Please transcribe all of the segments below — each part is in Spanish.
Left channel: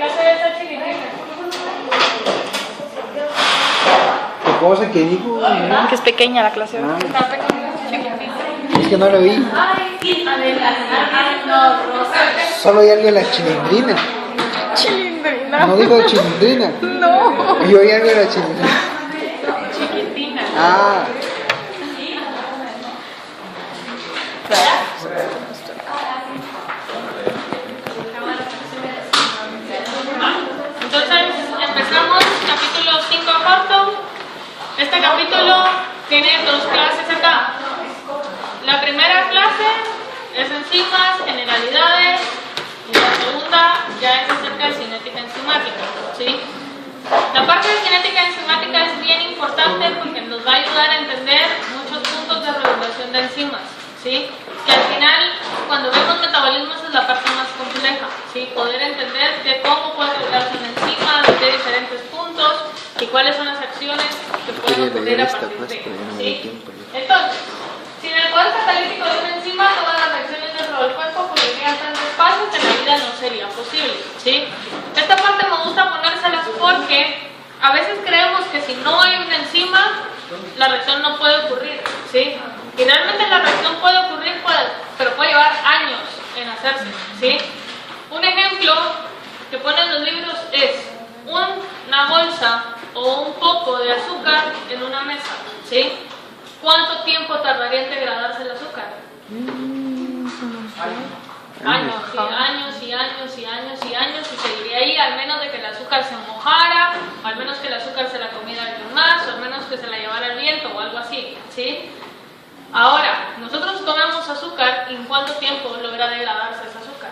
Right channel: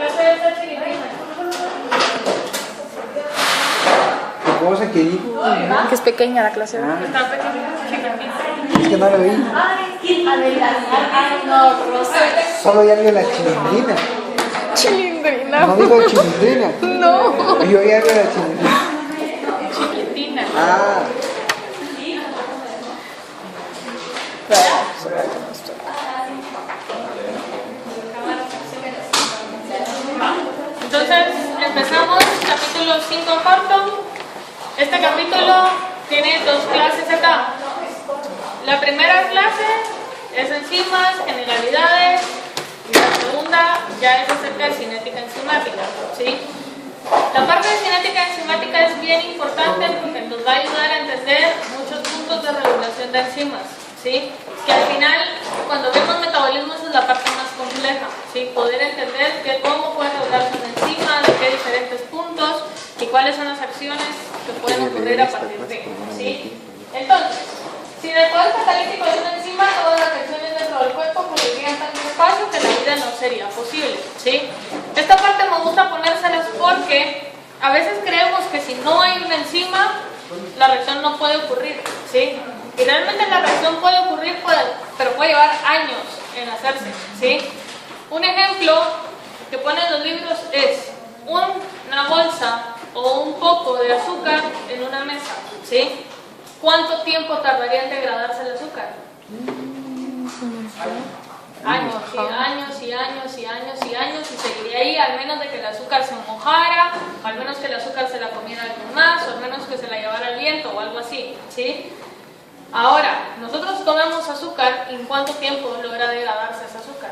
clase de esta chiquitina. ¿Qué cosa que dijo? Que es pequeña la clase. Está pequeña, chiquitita. Es que no lo vi. Ay, no, Rosa. Solo hay algo de la chilindrina. Chilindrina. No digo chilindrina. No. Yo oí algo de la chilindrina. Chiquitina. Ah, Entonces, empezamos capítulo 5 corto. Este capítulo tiene dos clases acá. La primera clase es enzimas, generalidades, y la segunda ya es acerca de cinética enzimática, ¿sí? La parte de cinética enzimática es bien importante porque nos va a ayudar a entender muchos puntos de regulación de enzimas, ¿sí? Que al final, cuando vemos metabolismo, esa es la parte más compleja, ¿sí? Poder entender de cómo puede regularse una enzima, de qué diferentes puntos y cuáles son las acciones que pueden ocurrir a partir de, ¿sí? Entonces, si en el poder catalítico de una enzima, todas las reacciones dentro del cuerpo ocurrirían tan despacio que la vida no sería posible, ¿sí? Esta parte me gusta ponérselas porque a veces creemos que si no hay una enzima, la reacción no puede ocurrir, ¿sí? Y realmente la reacción puede ocurrir, pero puede llevar años en hacerse, ¿sí? Un ejemplo que ponen los libros es una bolsa o un poco de azúcar en una mesa, ¿sí? ¿Cuánto tiempo tardaría en degradarse el azúcar? Años, sí, años y años y años y años, y seguiría ahí, al menos de que el azúcar se mojara, o al menos que el azúcar se la comiera alguien más, o al menos que se la llevara el viento o algo así, ¿sí? Ahora, nosotros comemos azúcar, ¿y en cuánto tiempo logra degradarse ese azúcar?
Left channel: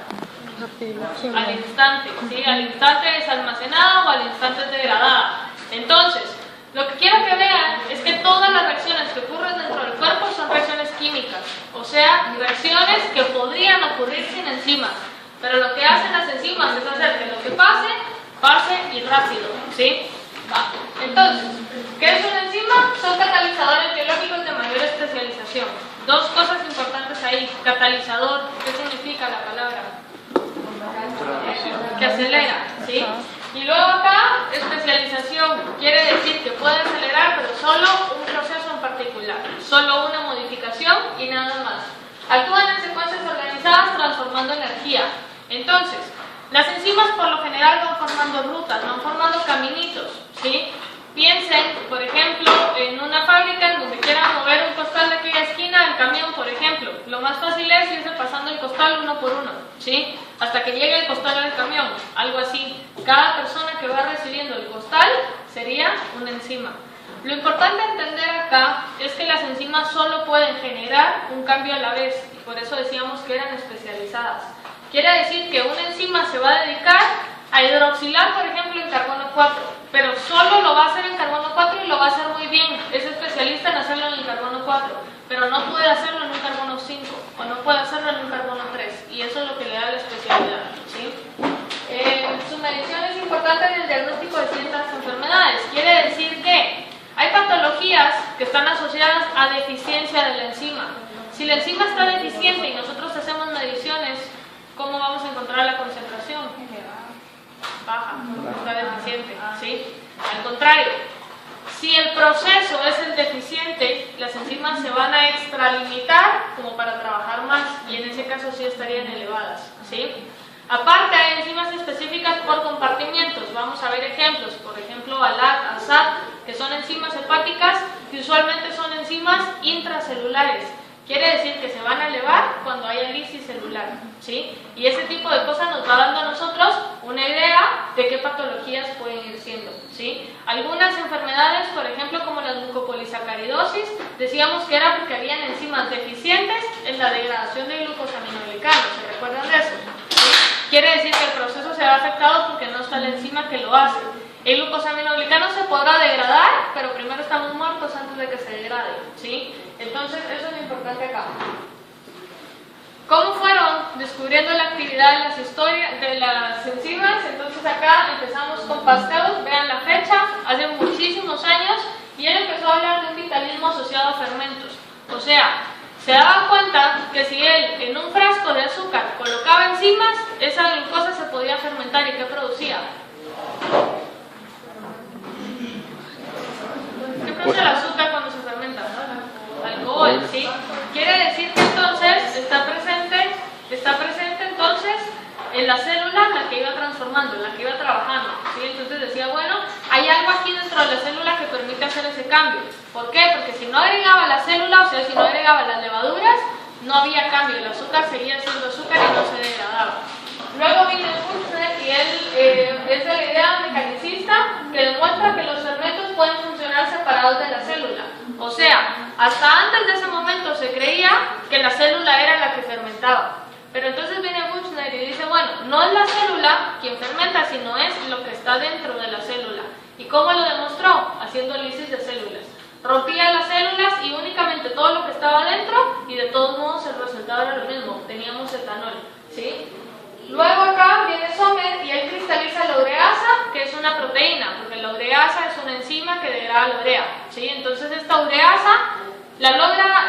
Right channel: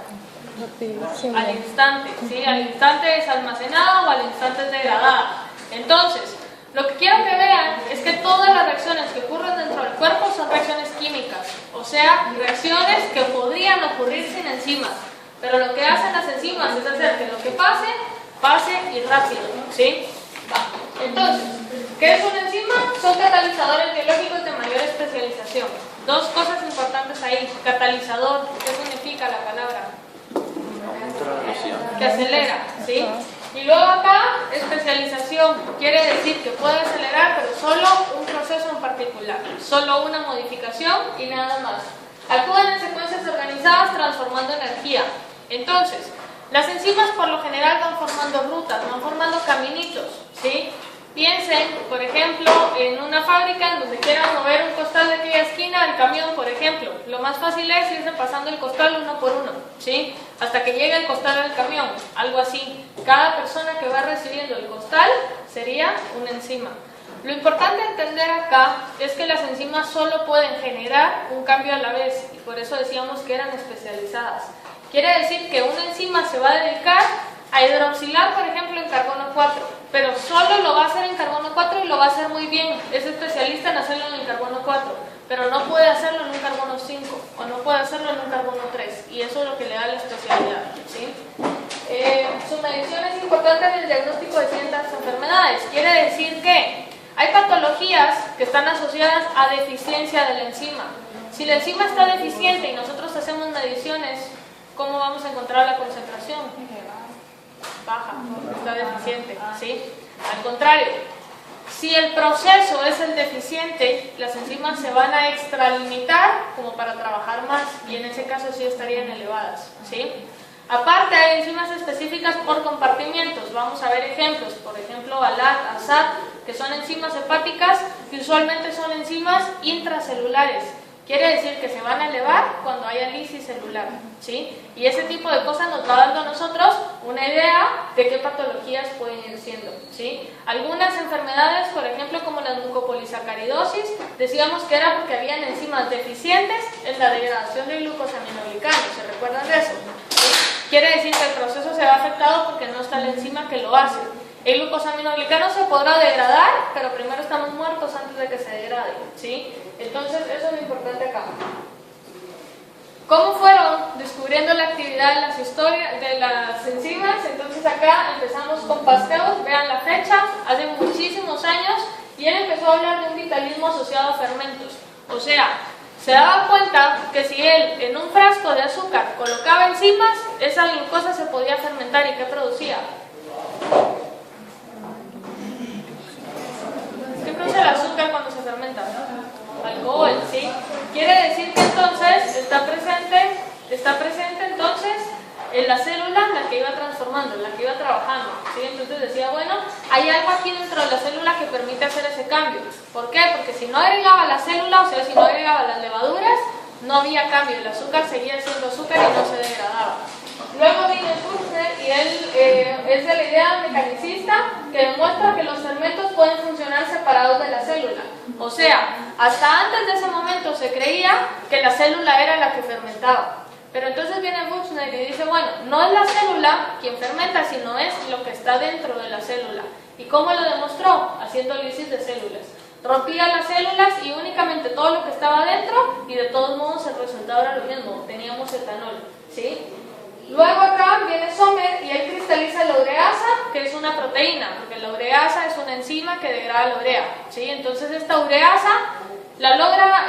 Al instante, ¿sí? Al instante es almacenada o al instante es degradada. Entonces, lo que quiero que vean es que todas las reacciones que ocurren dentro del cuerpo son reacciones químicas, o sea, reacciones que podrían ocurrir sin enzimas, pero lo que hacen las enzimas es hacer que lo que pase, pase y rápido, ¿sí? Entonces, ¿qué es una enzima? Son catalizadores biológicos de mayor especialización. Dos cosas importantes ahí. Catalizador, ¿qué significa la palabra? Que acelera, ¿sí? Y luego acá, especialización, quiere decir que puede acelerar, pero solo un proceso en particular, solo una modificación y nada más. Actúan en secuencias organizadas transformando energía. Entonces, las enzimas por lo general van formando rutas, van formando caminitos, ¿sí? Piensen, por ejemplo, en una fábrica en donde quieran mover un costal de aquella esquina al camión, por ejemplo. Lo más fácil es irse pasando el costal uno por uno, ¿sí? Hasta que llegue el costal al camión, algo así. Cada persona que va recibiendo el costal sería una enzima. Lo importante entender acá es que las enzimas solo pueden generar un cambio a la vez, y por eso decíamos que eran especializadas. Quiere decir que una enzima se va a dedicar a hidroxilar, por ejemplo, en carbono 4, pero solo lo va a hacer en carbono 4 y lo va a hacer muy bien. Es especialista en hacerlo en el carbono 4, pero no puede hacerlo en un carbono 5 o no puede hacerlo en un carbono 3, y eso es lo que le da la especialidad, ¿sí? Su medición es importante en el diagnóstico de ciertas enfermedades. Quiere decir que hay patologías que están asociadas a deficiencia de la enzima. Si la enzima está deficiente y nosotros hacemos mediciones, ¿cómo vamos a encontrar la concentración? Baja, no está deficiente, ¿sí? Al contrario, si el proceso es el deficiente, las enzimas se van a extralimitar como para trabajar más, y en ese caso sí estarían elevadas, ¿sí? Aparte, hay enzimas específicas por compartimientos. Vamos a ver ejemplos, por ejemplo, ALAT, ASAT, que son enzimas hepáticas, que usualmente son enzimas intracelulares. Quiere decir que se van a elevar cuando haya lisis celular, ¿sí? Y ese tipo de cosas nos va dando a nosotros una idea de qué patologías pueden ir siendo, ¿sí? Algunas enfermedades, por ejemplo, como la mucopolisacaridosis, decíamos que era porque habían enzimas deficientes en la degradación de glucosaminoglicano. ¿Se recuerdan de eso? ¿Sí? Quiere decir que el proceso se ve afectado porque no está la enzima que lo hace. El glucosaminoglicano se podrá degradar, pero primero estamos muertos antes de que se degrade, ¿sí? Entonces, eso es lo importante acá. ¿Cómo fueron descubriendo la actividad de las historias de las enzimas? Entonces acá empezamos con Pasteur, vean la fecha, hace muchísimos años, y él empezó a hablar de un vitalismo asociado a fermentos. O sea, se daba cuenta que si él en un frasco de azúcar colocaba enzimas, esa glucosa se podía fermentar. ¿Y qué producía? ¿Qué produce el azúcar cuando se fermenta? Alcohol, ¿sí? Quiere decir que entonces está presente entonces en la célula la que iba transformando, la que iba trabajando, ¿sí? Entonces decía, bueno, hay algo aquí dentro de la célula que permite hacer ese cambio. ¿Por qué? Porque si no agregaba la célula, o sea, si no agregaba las levaduras, no había cambio, el azúcar seguía siendo azúcar y no se degradaba. Luego viene Buchner y él es de la idea mecanicista que demuestra que los fermentos pueden funcionar separados de la célula. O sea, hasta antes de ese momento se creía que la célula era la que fermentaba. Pero entonces viene Buchner y dice, bueno, no es la célula quien fermenta, sino es lo que está dentro de la célula. ¿Y cómo lo demostró? Haciendo lisis de células. Rompía las células y únicamente todo lo que estaba dentro, y de todos modos el resultado era lo mismo, teníamos etanol, ¿sí? Luego acá viene Sommer y él cristaliza la ureasa, que es una proteína, porque la ureasa es una enzima que degrada la urea, ¿sí? Entonces esta ureasa la logra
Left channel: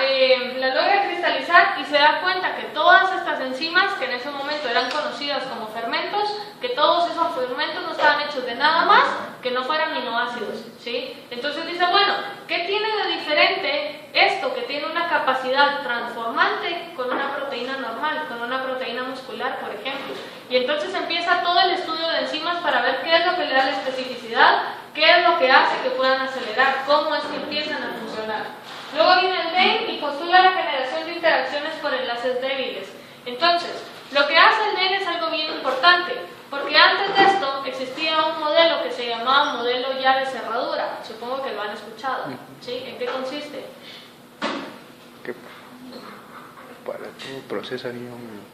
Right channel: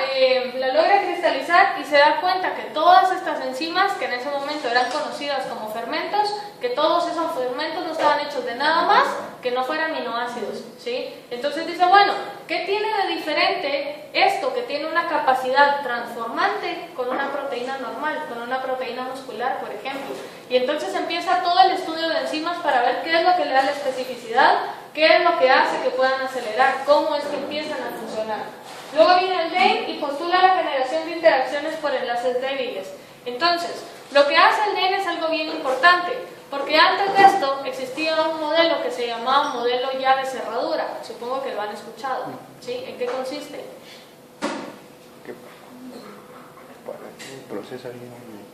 cristalizar y se da cuenta que todas estas enzimas, que en ese momento eran conocidas como fermentos, que todos esos fermentos no estaban hechos de nada más que no fueran aminoácidos, ¿sí? Entonces dice, bueno, ¿qué tiene de diferente esto que tiene una capacidad transformante con una proteína normal, con una proteína muscular, por ejemplo? Y entonces empieza todo el estudio de enzimas para ver qué es lo que le da la especificidad, qué es lo que hace que puedan acelerar, cómo es que empiezan a funcionar. Luego viene el DEN y postula la generación de interacciones por enlaces débiles. Entonces, lo que hace el DEN es algo bien importante, porque antes de esto existía un modelo que se llamaba modelo llave-cerradura. Supongo que lo han escuchado, ¿sí? ¿En qué consiste? Que para todo proceso haría un...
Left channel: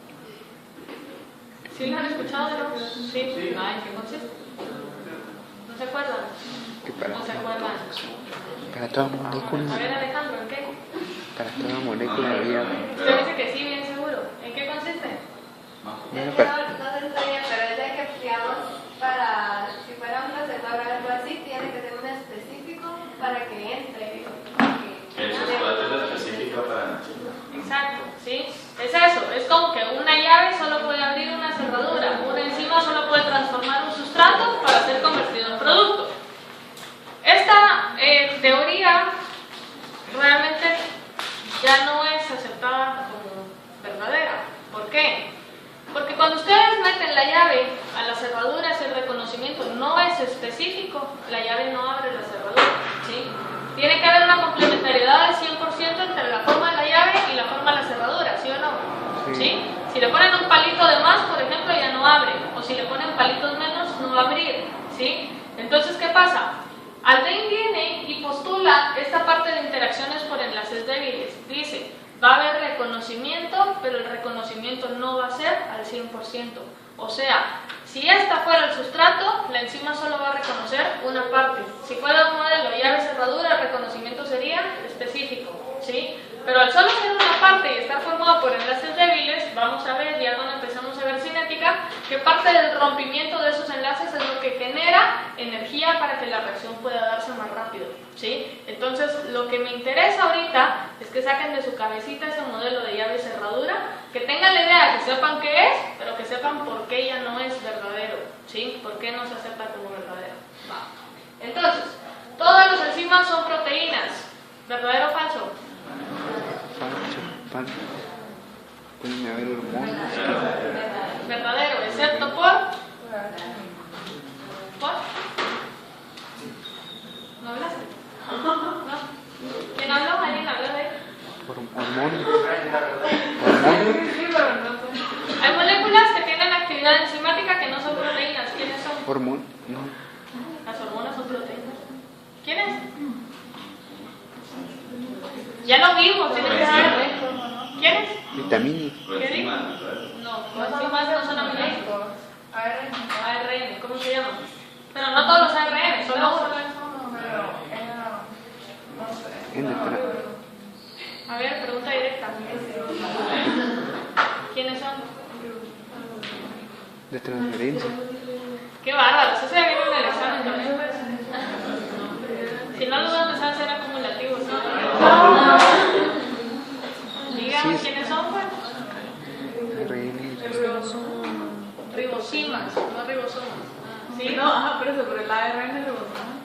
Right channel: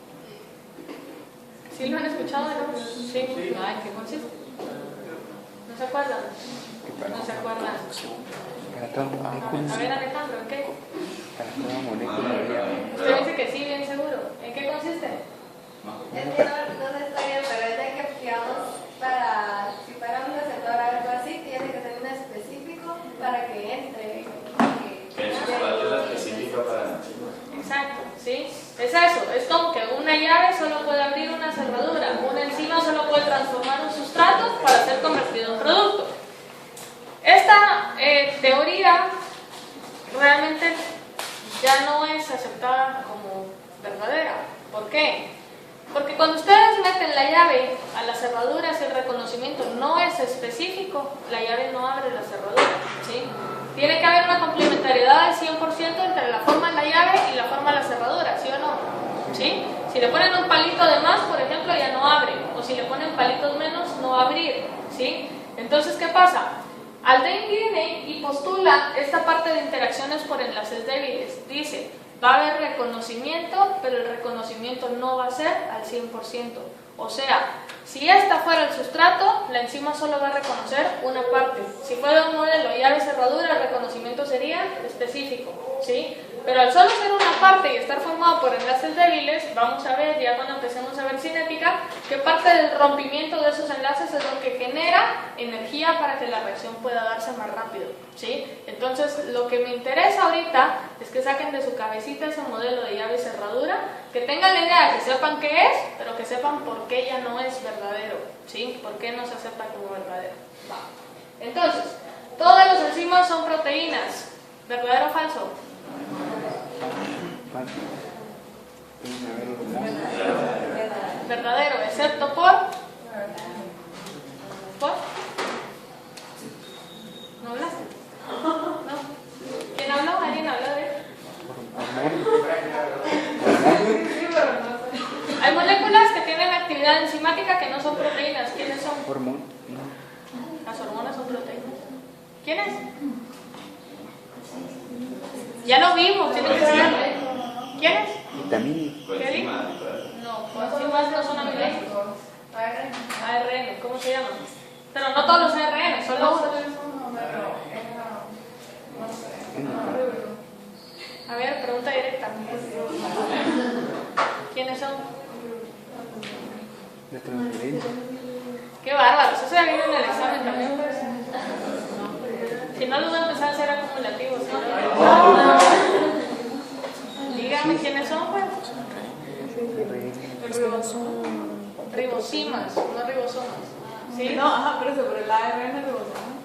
¿Sí lo han escuchado? ¿No? Sí. Ah, ¿en qué consiste? ¿No se acuerdan? No se acuerdan. Para toda molécula. A ver, Alejandro, ¿en qué? Para toda molécula había... Usted dice que sí, bien seguro. ¿En qué consiste? Es que no se está bien, pero es de que, digamos, para, si fuera un reservorio o algo así, tiene que ser un específico para que entre. El sustrato es específico para... Exacto, ¿sí? Es eso, es como que una llave solo puede abrir una cerradura, una enzima solo puede transformar un sustrato para ser convertido en producto. Esta teoría realmente ya no es aceptada como verdadera. ¿Por qué? Porque cuando ustedes meten la llave a las cerraduras, el reconocimiento no es específico, la llave no abre la cerradura, ¿sí? Tiene que haber una complementariedad del 100% entre la forma de la llave y la forma de la cerradura, ¿sí o no? ¿Sí? Si le ponen un palito de más, por ejemplo, ya no abre, o si le ponen palitos menos, no va a abrir, ¿sí? Entonces, ¿qué pasa? Alden viene y postula esta parte de interacciones por enlaces débiles. Dice, va a haber reconocimiento, pero el reconocimiento no va a ser al 100%. O sea, si esta fuera el sustrato, la enzima solo va a reconocer una parte. Si fuera un modelo llave-cerradura, el reconocimiento sería específico, ¿sí? Pero al solo ser una parte y estar formado por enlaces débiles, vamos a ver, ya cuando empecemos a ver cinética, que parte del rompimiento de esos enlaces es lo que genera energía para que la reacción pueda darse más rápido, ¿sí? Entonces, lo que me interesa ahorita es que saquen de su cabecita ese modelo de llave-cerradura, que tengan la idea, que sepan qué es, pero que sepan por qué ya no es verdadero, ¿sí? ¿Por qué no se acepta como verdadero? Va. Entonces, todas las enzimas son proteínas, ¿verdadero o falso? Verdadero, excepto por... ¿Por? ¿No hablaste? ¿No? ¿Quién habló? ¿Alguien habló de él? Hay moléculas que tienen actividad enzimática que no son proteínas. ¿Quiénes son? Las hormonas son proteínas. ¿Quiénes? Ya lo vimos. ¿Quiénes? Vitaminas. No, coenzimas no son aminoácidos. ARN, ¿cómo se llama? Pero no todos los ARN, solo uno. A ver, pregunta directa. ¿Quiénes son? De transferencia. Qué bárbaro, eso se ve bien en el examen también, pues. Si no, los vamos a hacer acumulativos. ¿Sí? ribosimas, no ribosomas. ¿Sí? No, ajá, pero eso, pero el ARN es ribosoma.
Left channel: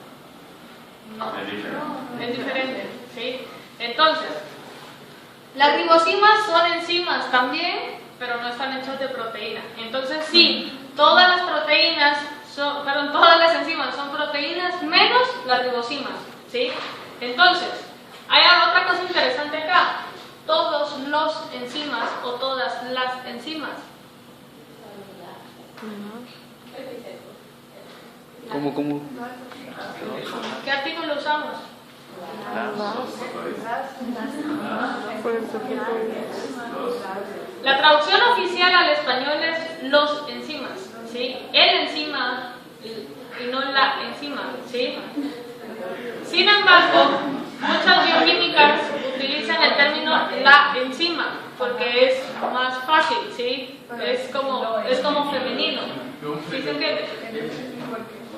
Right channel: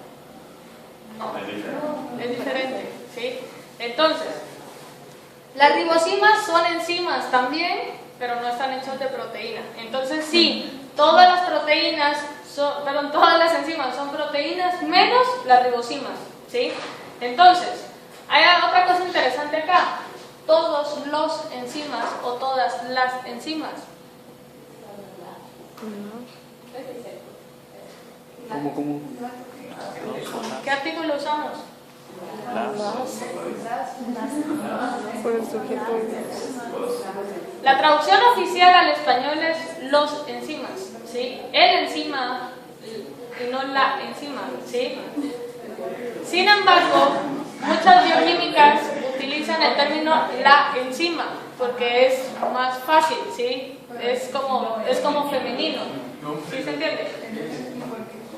No, Es diferente. es diferente. ¿Sí? Entonces, las ribosimas son enzimas también, pero no están hechas de proteína. Entonces, sí, todas las proteínas, todas las enzimas son proteínas menos las ribosimas. ¿Sí? Entonces, hay otra cosa interesante acá. Todos los enzimas o todas las enzimas. ¿Cómo? ¿Qué artículo usamos? Por el sujeto. La traducción oficial al español es los enzimas, ¿sí? El enzima y no la enzima, ¿sí? Sin embargo, muchas bioquímicas utilizan el término la enzima porque es más fácil, ¿sí? Es como femenino, ¿sí se entiende?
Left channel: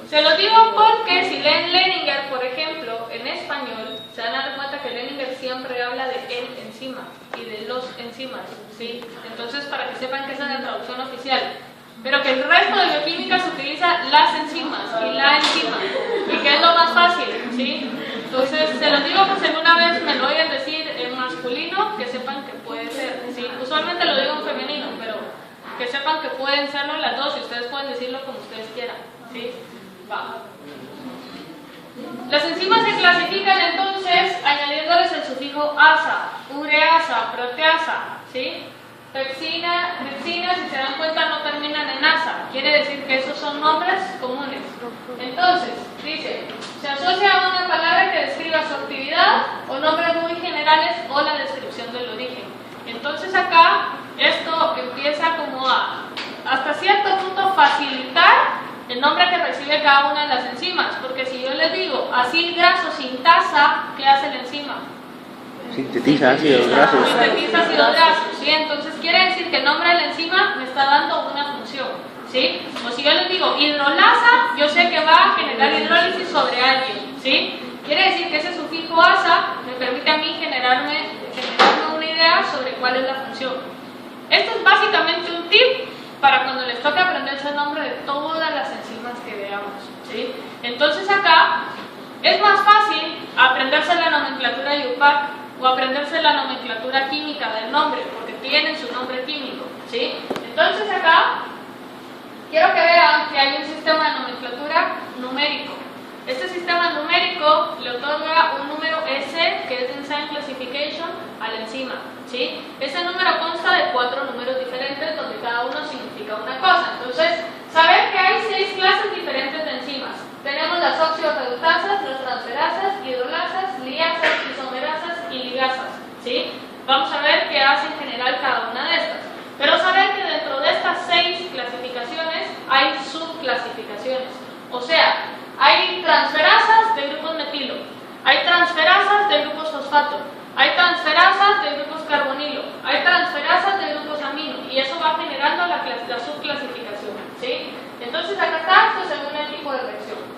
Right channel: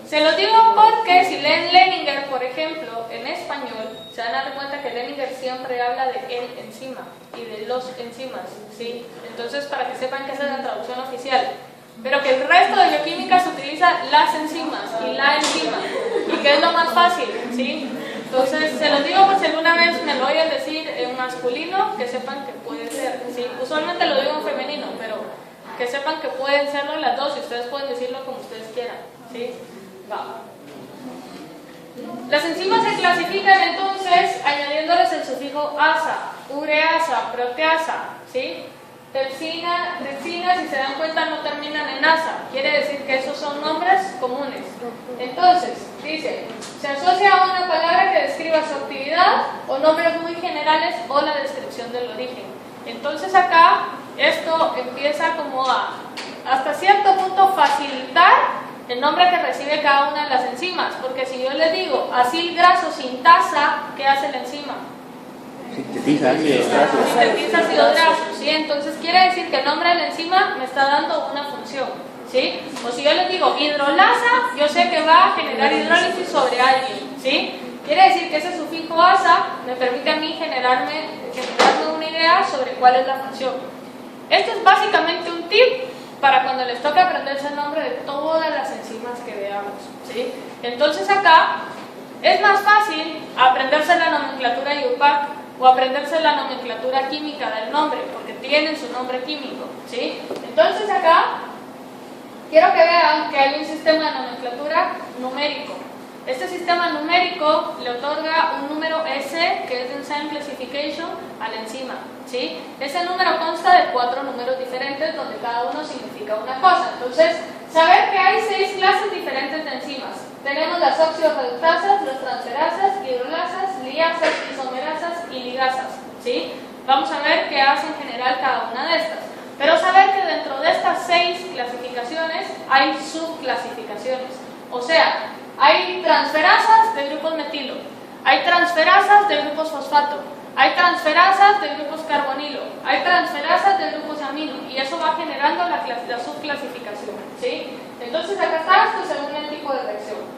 Se lo digo porque si leen Leninger, por ejemplo, en español, se van a dar cuenta que Leninger siempre habla de el enzima y de los enzimas, ¿sí? Entonces, para que sepan que esa es la traducción oficial. Pero que el resto de bioquímica se utiliza las enzimas y la enzima, y que es lo más fácil, ¿sí? Entonces, se los digo por si alguna vez me lo oyen decir en masculino, que sepan que puede ser, ¿sí? Usualmente lo digo en femenino, pero que sepan que pueden serlo las dos y ustedes pueden decirlo como ustedes quieran, ¿sí? Va. Las enzimas se clasifican entonces añadiéndoles el sufijo asa, ureasa, proteasa, ¿sí? Pepsina, tripsina, si se dan cuenta, no terminan en asa. Quiere decir que esos son nombres comunes. Entonces, dice, se asocia a una palabra que describa su actividad o nombres muy generales o la descripción del origen. Entonces acá, esto empieza como a, hasta cierto punto, facilitar el nombre que recibe cada una de las enzimas. Porque si yo les digo, acid graso sintasa, ¿qué hace la enzima? Sintetiza ácidos grasos. Sintetiza ácidos grasos, ¿sí? Entonces quiere decir que el nombre de la enzima me está dando una función, ¿sí? O si yo les digo hidrolasa, yo sé que va a generar hidrólisis sobre alguien, ¿sí? Quiere decir que ese sufijo asa me permite a mí generarme una idea sobre cuál es la función. Esto es básicamente un tip para cuando les toca aprenderse el nombre de todas las enzimas que veamos, ¿sí? Entonces acá es más fácil aprenderse la nomenclatura IUPAC o aprenderse la nomenclatura química del nombre, porque tienen su nombre químico, ¿sí? Entonces acá quiero que vean que hay un sistema de nomenclatura numérico. Este sistema numérico le otorga un número S, que es de Enzyme Classification, a la enzima, ¿sí? Ese número consta de 4 números diferentes, donde cada uno significa una cosa. Entonces, saber que hay 6 clases diferentes de enzimas. Tenemos las oxidorreductasas, las transferasas, hidrolasas, liasas, isomerasas y ligasas, ¿sí? Vamos a ver qué hace en general cada una de estas. Pero saber que dentro de estas 6 clasificaciones hay subclasificaciones. O sea, hay transferasas de grupos metilo, hay transferasas de grupos fosfato, hay transferasas de grupos carbonilo, hay transferasas de grupos amino, y eso va generando la subclasificación, ¿sí? Entonces acá está esto según el tipo de reacción.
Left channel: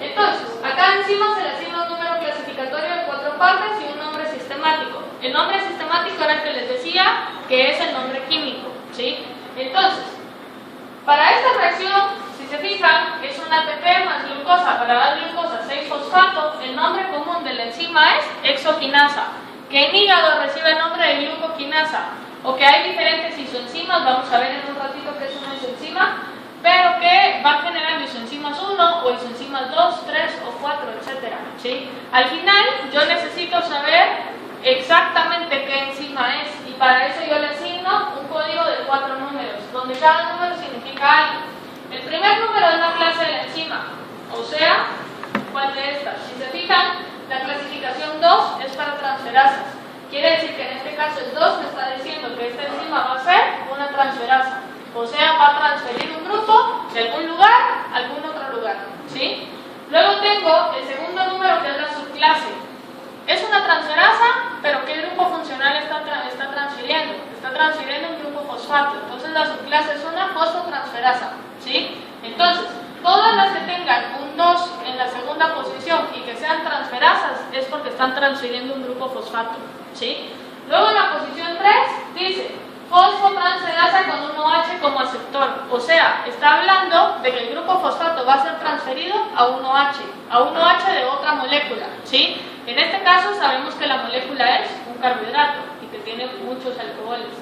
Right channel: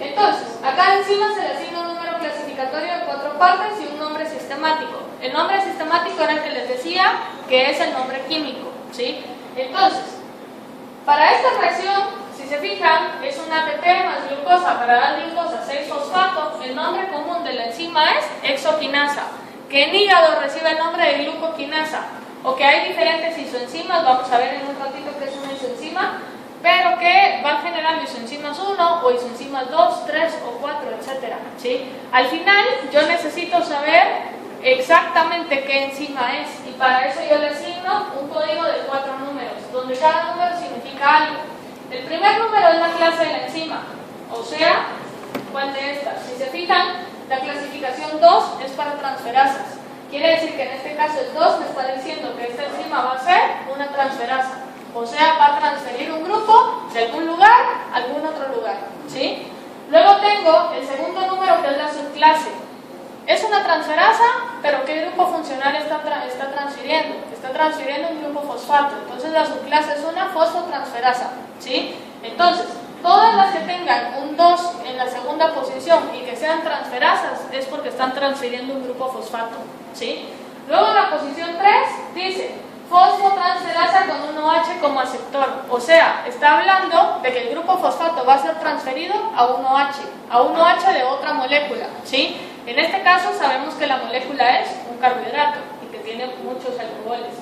Entonces, acá encima se le asigna un número clasificatorio de 4 partes y un nombre sistemático. El nombre sistemático era el que les decía, que es el nombre químico, ¿sí? Entonces, para esta reacción, si se fijan, es un ATP más glucosa. Para dar glucosa 6-fosfato, el nombre común de la enzima es exoquinasa, que en hígado recibe el nombre de glucoquinasa, o que hay diferentes isoenzimas, vamos a ver en un ratito qué es una isoenzima, pero que van generando isoenzimas 1 o isoenzimas 2, 3 o 4, etc. ¿Sí? Al final, yo necesito saber exactamente qué enzima es, y para eso yo le asigno un código de 4 números, donde cada número significa algo. El primer número es la clase de la enzima, o sea, ¿cuál de estas? Si se fijan, la clasificación 2 es para transferasas. Quiere decir que en este caso el 2 me está diciendo que esta enzima va a ser una transferasa, o sea, va a transferir un grupo de algún lugar a algún otro lugar, ¿sí? Luego tengo el segundo número, que es la subclase. Es una transferasa, pero ¿qué grupo funcional está transfiriendo? Está transfiriendo un grupo fosfato. Entonces la subclase es una fosfotransferasa, ¿sí? Entonces, todas las que tengan un 2 en la segunda posición y que sean transferasas es porque están transfiriendo un grupo fosfato, ¿sí? Luego la posición 3 dice fosfotransferasa con un OH como aceptor. O sea, está hablando de que el grupo fosfato va a ser transferido a un OH de otra molécula, ¿sí? En este caso sabemos que la molécula es un carbohidrato y que tiene muchos alcoholes.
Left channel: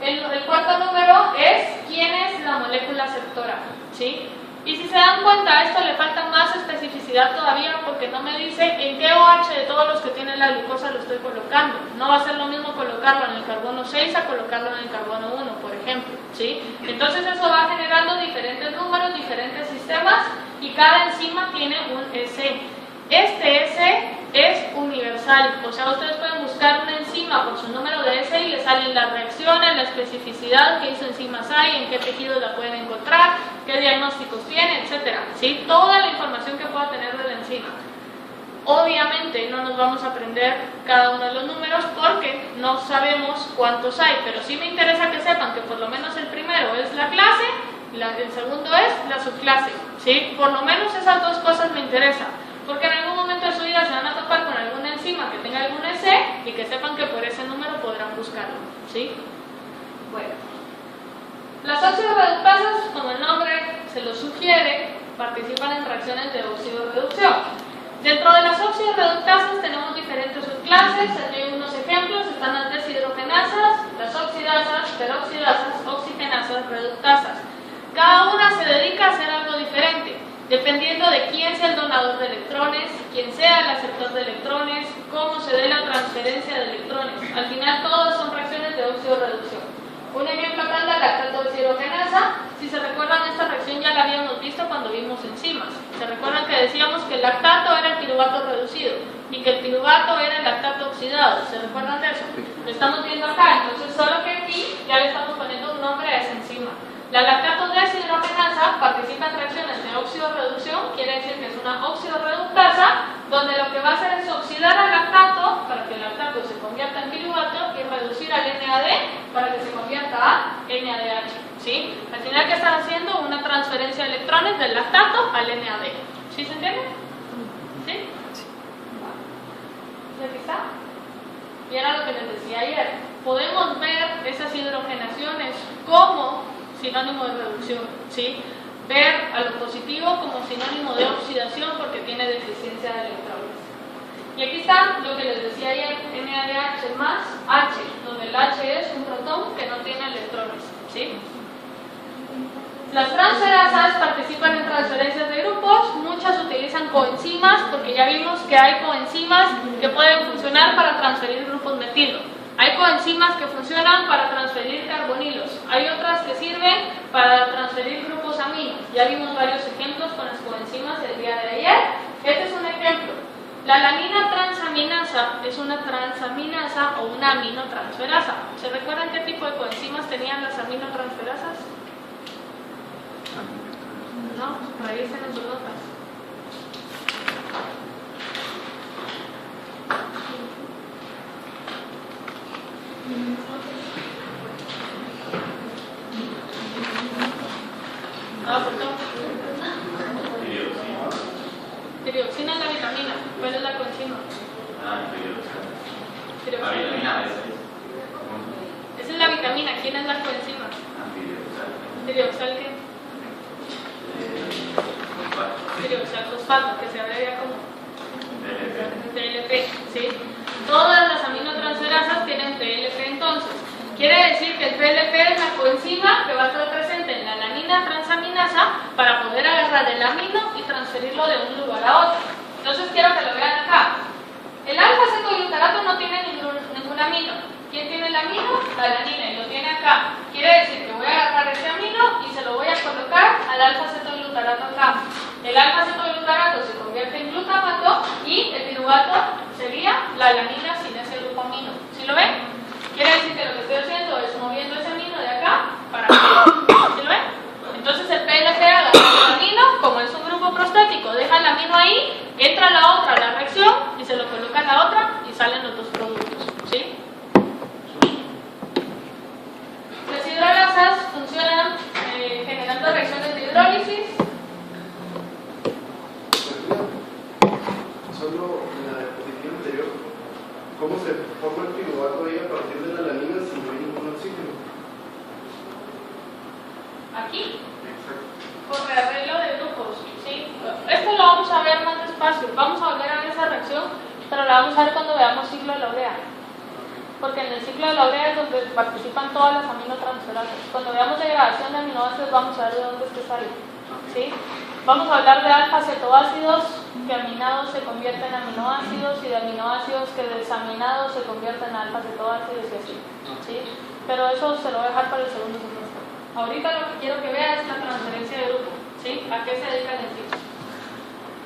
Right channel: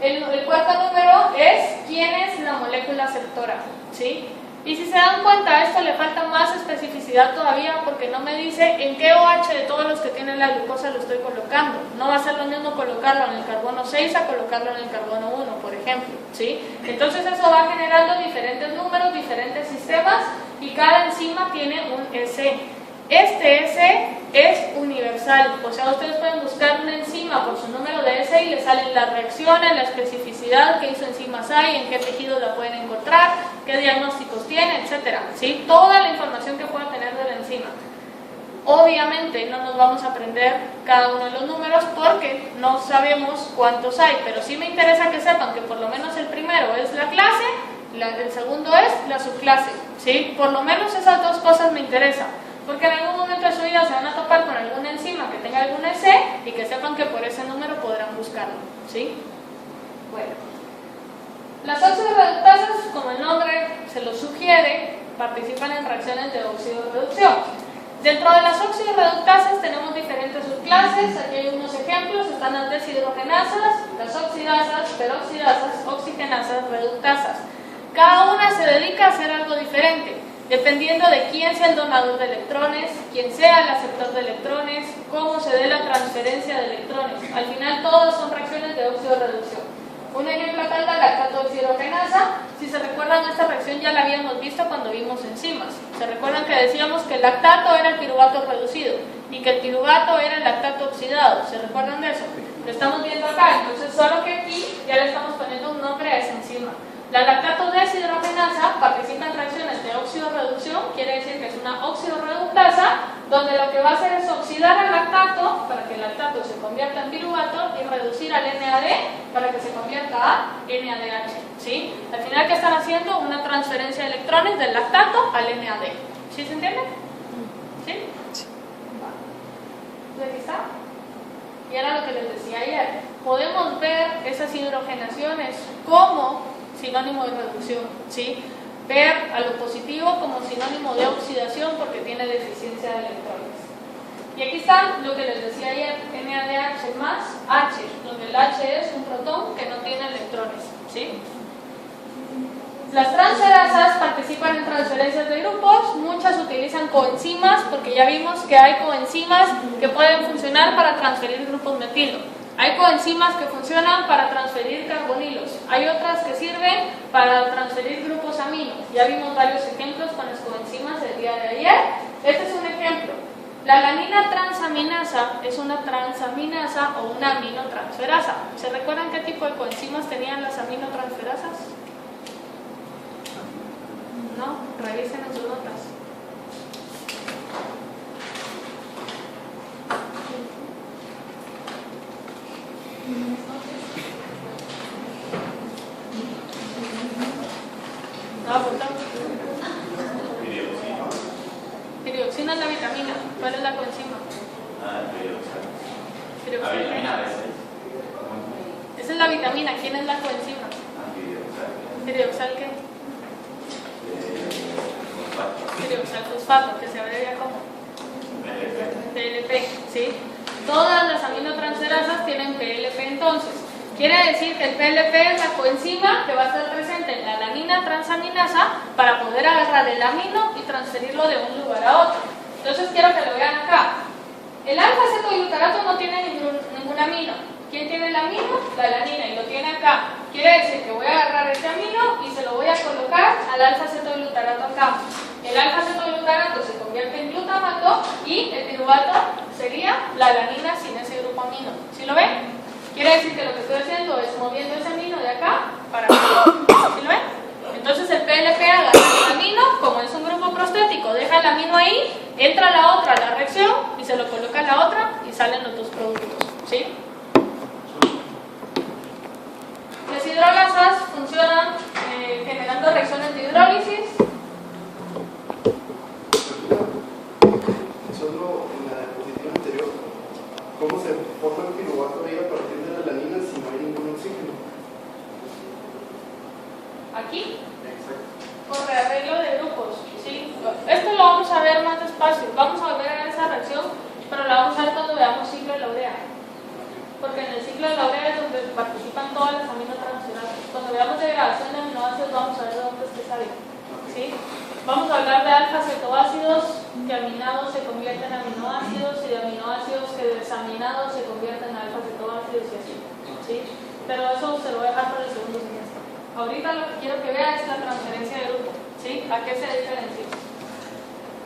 El cuarto número es quién es la molécula aceptora, ¿sí? Y si se dan cuenta, a esto le falta más especificidad todavía porque no me dice en qué OH de todos los que tienen la glucosa lo estoy colocando. No va a ser lo mismo colocarlo en el carbono 6 a colocarlo en el carbono 1, por ejemplo, ¿sí? Entonces eso va generando diferentes números, diferentes sistemas y cada enzima tiene un S. Este S es universal, o sea, ustedes pueden buscar una enzima por su número de S y les salen las reacciones, la especificidad, qué isoenzimas hay, en qué tejidos la pueden encontrar, qué diagnósticos tiene, etcétera, ¿sí? Toda la información que pueda tener de la enzima. Obviamente no nos vamos a aprender cada uno de los números porque no sabemos cuántos hay, pero sí me interesa que sepan que por lo menos el primero es la clase y el segundo es la subclase, ¿sí? Por lo menos esas dos cosas me interesan. Porque en algún momento de su vida se van a topar con alguna enzima que tenga algún S y que sepan que por ese número podrán buscarlo, ¿sí? Bueno, las oxidorreductasas, como el nombre se lo sugiere, participan en reacciones de oxidorreducción. Dentro de las oxidorreductasas tenemos diferentes subclases, aquí hay unos ejemplos, están las deshidrogenasas, las oxidasas, peroxidasas, oxigenasas, reductasas. Cada una se dedica a hacer algo diferente, dependiendo de quién sea el donador de electrones, quién sea el aceptor de electrones, cómo se dé la transferencia de electrones. Al final todas son reacciones de oxidorreducción. Un ejemplo acá es la lactato deshidrogenasa. Si se recuerdan, esta reacción ya la habíamos visto cuando vimos enzimas. Se recuerdan que decíamos que el lactato era el piruvato reducido y que el piruvato era el lactato oxidado. ¿Se recuerdan de eso? Lo estamos viendo acá, entonces solo que aquí ya le estamos poniendo un nombre a esa enzima. La lactato deshidrogenasa participa en reacciones de oxidorreducción, quiere decir que es una oxidorreductasa, donde lo que va a hacer es oxidar al lactato para que el lactato se convierta en piruvato y reducir al NAD para que se convierta a NADH, ¿sí? Al final, ¿qué están haciendo? Una transferencia de electrones del lactato al NAD. ¿Sí se entiende? ¿Sí? ¿Aquí está? Y era lo que les decía ayer. Podemos ver esas hidrogenaciones como sinónimo de reducción, ¿sí? Ver a lo positivo como sinónimo de oxidación porque tiene deficiencia de electrones. Y aquí está lo que les decía ayer, NADH más H, donde el H es un protón que no tiene electrones, ¿sí? Las transferasas participan en transferencias de grupos, muchas utilizan coenzimas porque ya vimos que hay coenzimas que pueden funcionar para transferir grupos metilo. Hay coenzimas que funcionan para transferir carbonilos, hay otras que sirven para transferir grupos aminos. Ya vimos varios ejemplos con las coenzimas del día de ayer. Este es un ejemplo. La alanina transaminasa es una transaminasa o una aminotransferasa. ¿Se recuerdan qué tipo de coenzimas tenían las aminotransferasas? No, revisen en sus notas. Piridoxina es la vitamina. ¿Cuál es la coenzima? La vitamina B6. Esa es la vitamina. ¿Quién es la coenzima? Piridoxal ¿qué? Piridoxal fosfato, que se abrevia como PLP, ¿sí? Todas las aminotransferasas tienen PLP entonces. Quiere decir que el PLP es la coenzima que va a estar presente en la alanina transaminasa para poder agarrar el amino y transferirlo de un lugar a otro. Entonces quiero que lo vean acá. El alfa-cetoglutarato no tiene ningún amino. ¿Quién tiene el amino? La alanina, y lo tiene acá. Quiere decir que voy a agarrar este amino y se lo voy a colocar al alfa-cetoglutarato acá. El alfa-cetoglutarato se convierte en glutamato y el piruvato sería la alanina sin ese grupo amino. ¿Sí lo ven? Quiere decir que lo que estoy haciendo es moviendo ese amino de acá para acá. ¿Sí lo ven? Entonces el PLP agarra el amino, como es un grupo prostático, deja el amino ahí, entra la otra a la reacción y se lo coloca a la otra y salen los dos productos. ¿Sí? Las hidrolasas funcionan generando reacciones de hidrólisis. Solo en la diapositiva anterior, ¿cómo se forma el piruvato ahí a partir de la alanina si no hay ningún oxígeno? ir más despacio. Vamos a volver a ver esa reacción, pero la vamos a ver cuando veamos ciclo de la urea. Porque en el ciclo de la urea es donde participan todas las aminotransferases. Cuando veamos degradación de aminoácidos vamos a ver de dónde es que sale. ¿Sí? Vamos a hablar de alfa-cetoácidos que aminados se convierten en aminoácidos y de aminoácidos que desaminados se convierten en alfa-cetoácidos y así. ¿Sí? Pero eso se lo voy a dejar para el segundo semestre. Ahorita lo que quiero que vean es la transferencia de grupo. ¿Sí? ¿A qué se diferencia?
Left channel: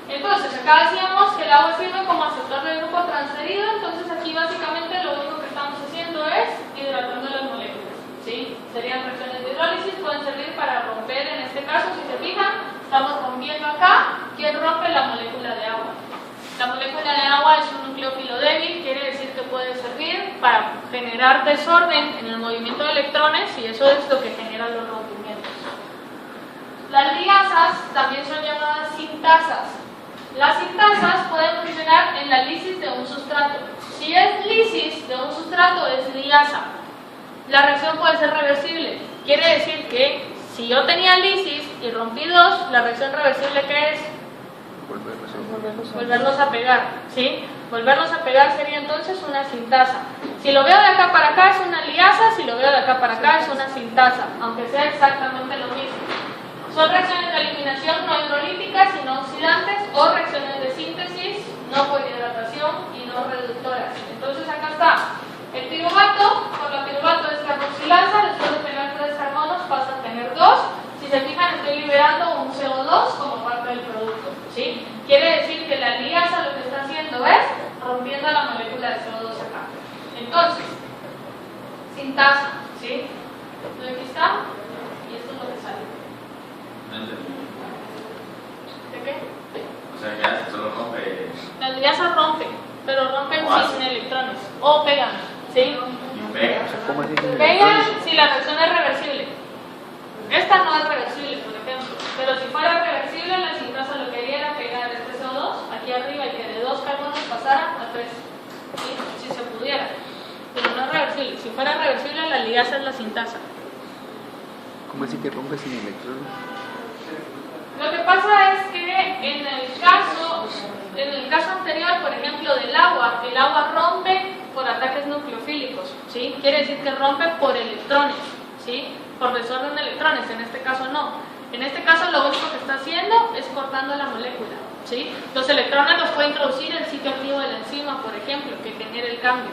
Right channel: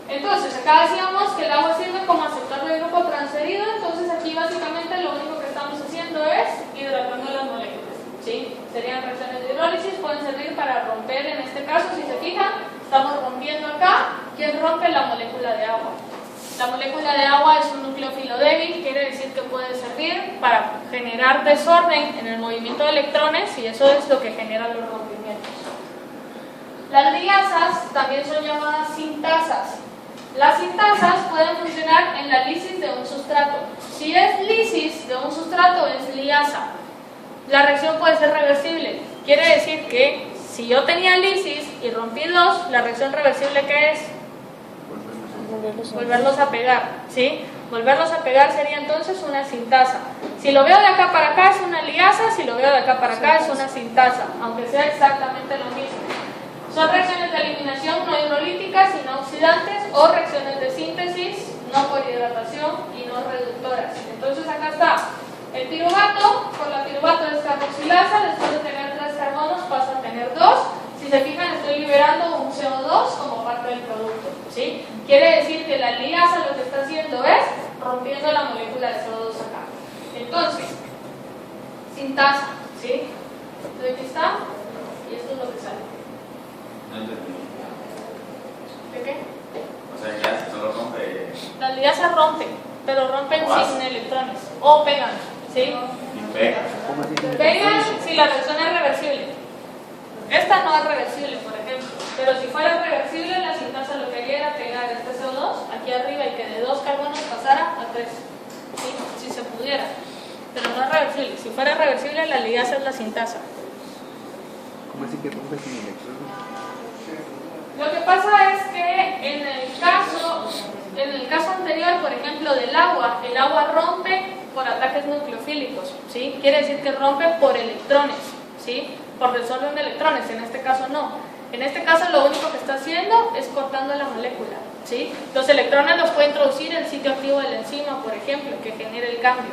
Entonces, acá decíamos que el agua sirve como aceptor del grupo transferido, entonces aquí básicamente lo único que estamos haciendo es hidratando las moléculas. ¿Sí? Serían reacciones de hidrólisis, pueden servir para romper, en este caso, si se fijan, estamos rompiendo acá. ¿Quién rompe? La molécula de agua. La molécula de agua es un nucleófilo débil, quiere decir que puede servir para generar desorden en el movimiento de electrones y eso es lo que genera los rompimientos. Las liasas también son llamadas sintasas. Las sintasas pueden funcionar en la lisis de un sustrato. Si es lisis de un sustrato, es liasa. La reacción puede ser reversible. Quiere decir que si yo tenía lisis y rompí dos, la reacción reversible, ¿qué es? Volverlos a pegar. ¿Sí? Volverlos a pegar sería entonces una sintasa. Si lo veo de acá para acá es una liasa, si lo veo de acá para acá es una sintasa, aunque sea exactamente lo mismo. Son reacciones de eliminación no hidrolíticas y no oxidantes o reacciones de síntesis no por hidratación y no reductoras. Entonces acá está el piruvato, por la piruvato es carboxilasa, después de tener 3 carbonos pasa a tener 2. Si se fijan estoy liberando un CO2 como parte del producto. ¿Sí? Quiere decir que la liasa lo que está haciendo es rompiendo la molécula de CO2 acá. Entonces, sintasa, ¿sí? Aquí está y esto es lo que sale. No entendí. ¿De qué? O sea, ya solo rompe. Las liasas rompen, pero rompen ¿O sin electrones o pegan, ¿sí? Y pega. ¿Cómo así? Pegan si la reacción es reversible. Esta no es reversible, por ejemplo, pero si fuera reversible, la sintasa lo que haría era pegar este CO2 aquí arriba y que de 2 carbonos pasara a 3, ¿sí? Si se pudiera, pero no es reversible. Si fuera reversible, la liasa es la sintasa. ¿Cómo así que rompe sin electrones? Lo que pasa es que en el caso anterior, por ejemplo, del agua, el agua rompe por ataques nucleofílicos, ¿sí? Quiere decir que rompe por electrones, ¿sí? Por desorden de electrones, en este caso no. En este caso lo único que está haciendo es cortando la molécula, ¿sí? Los electrones los puede introducir el sitio activo de la enzima, por ejemplo, que genere el cambio.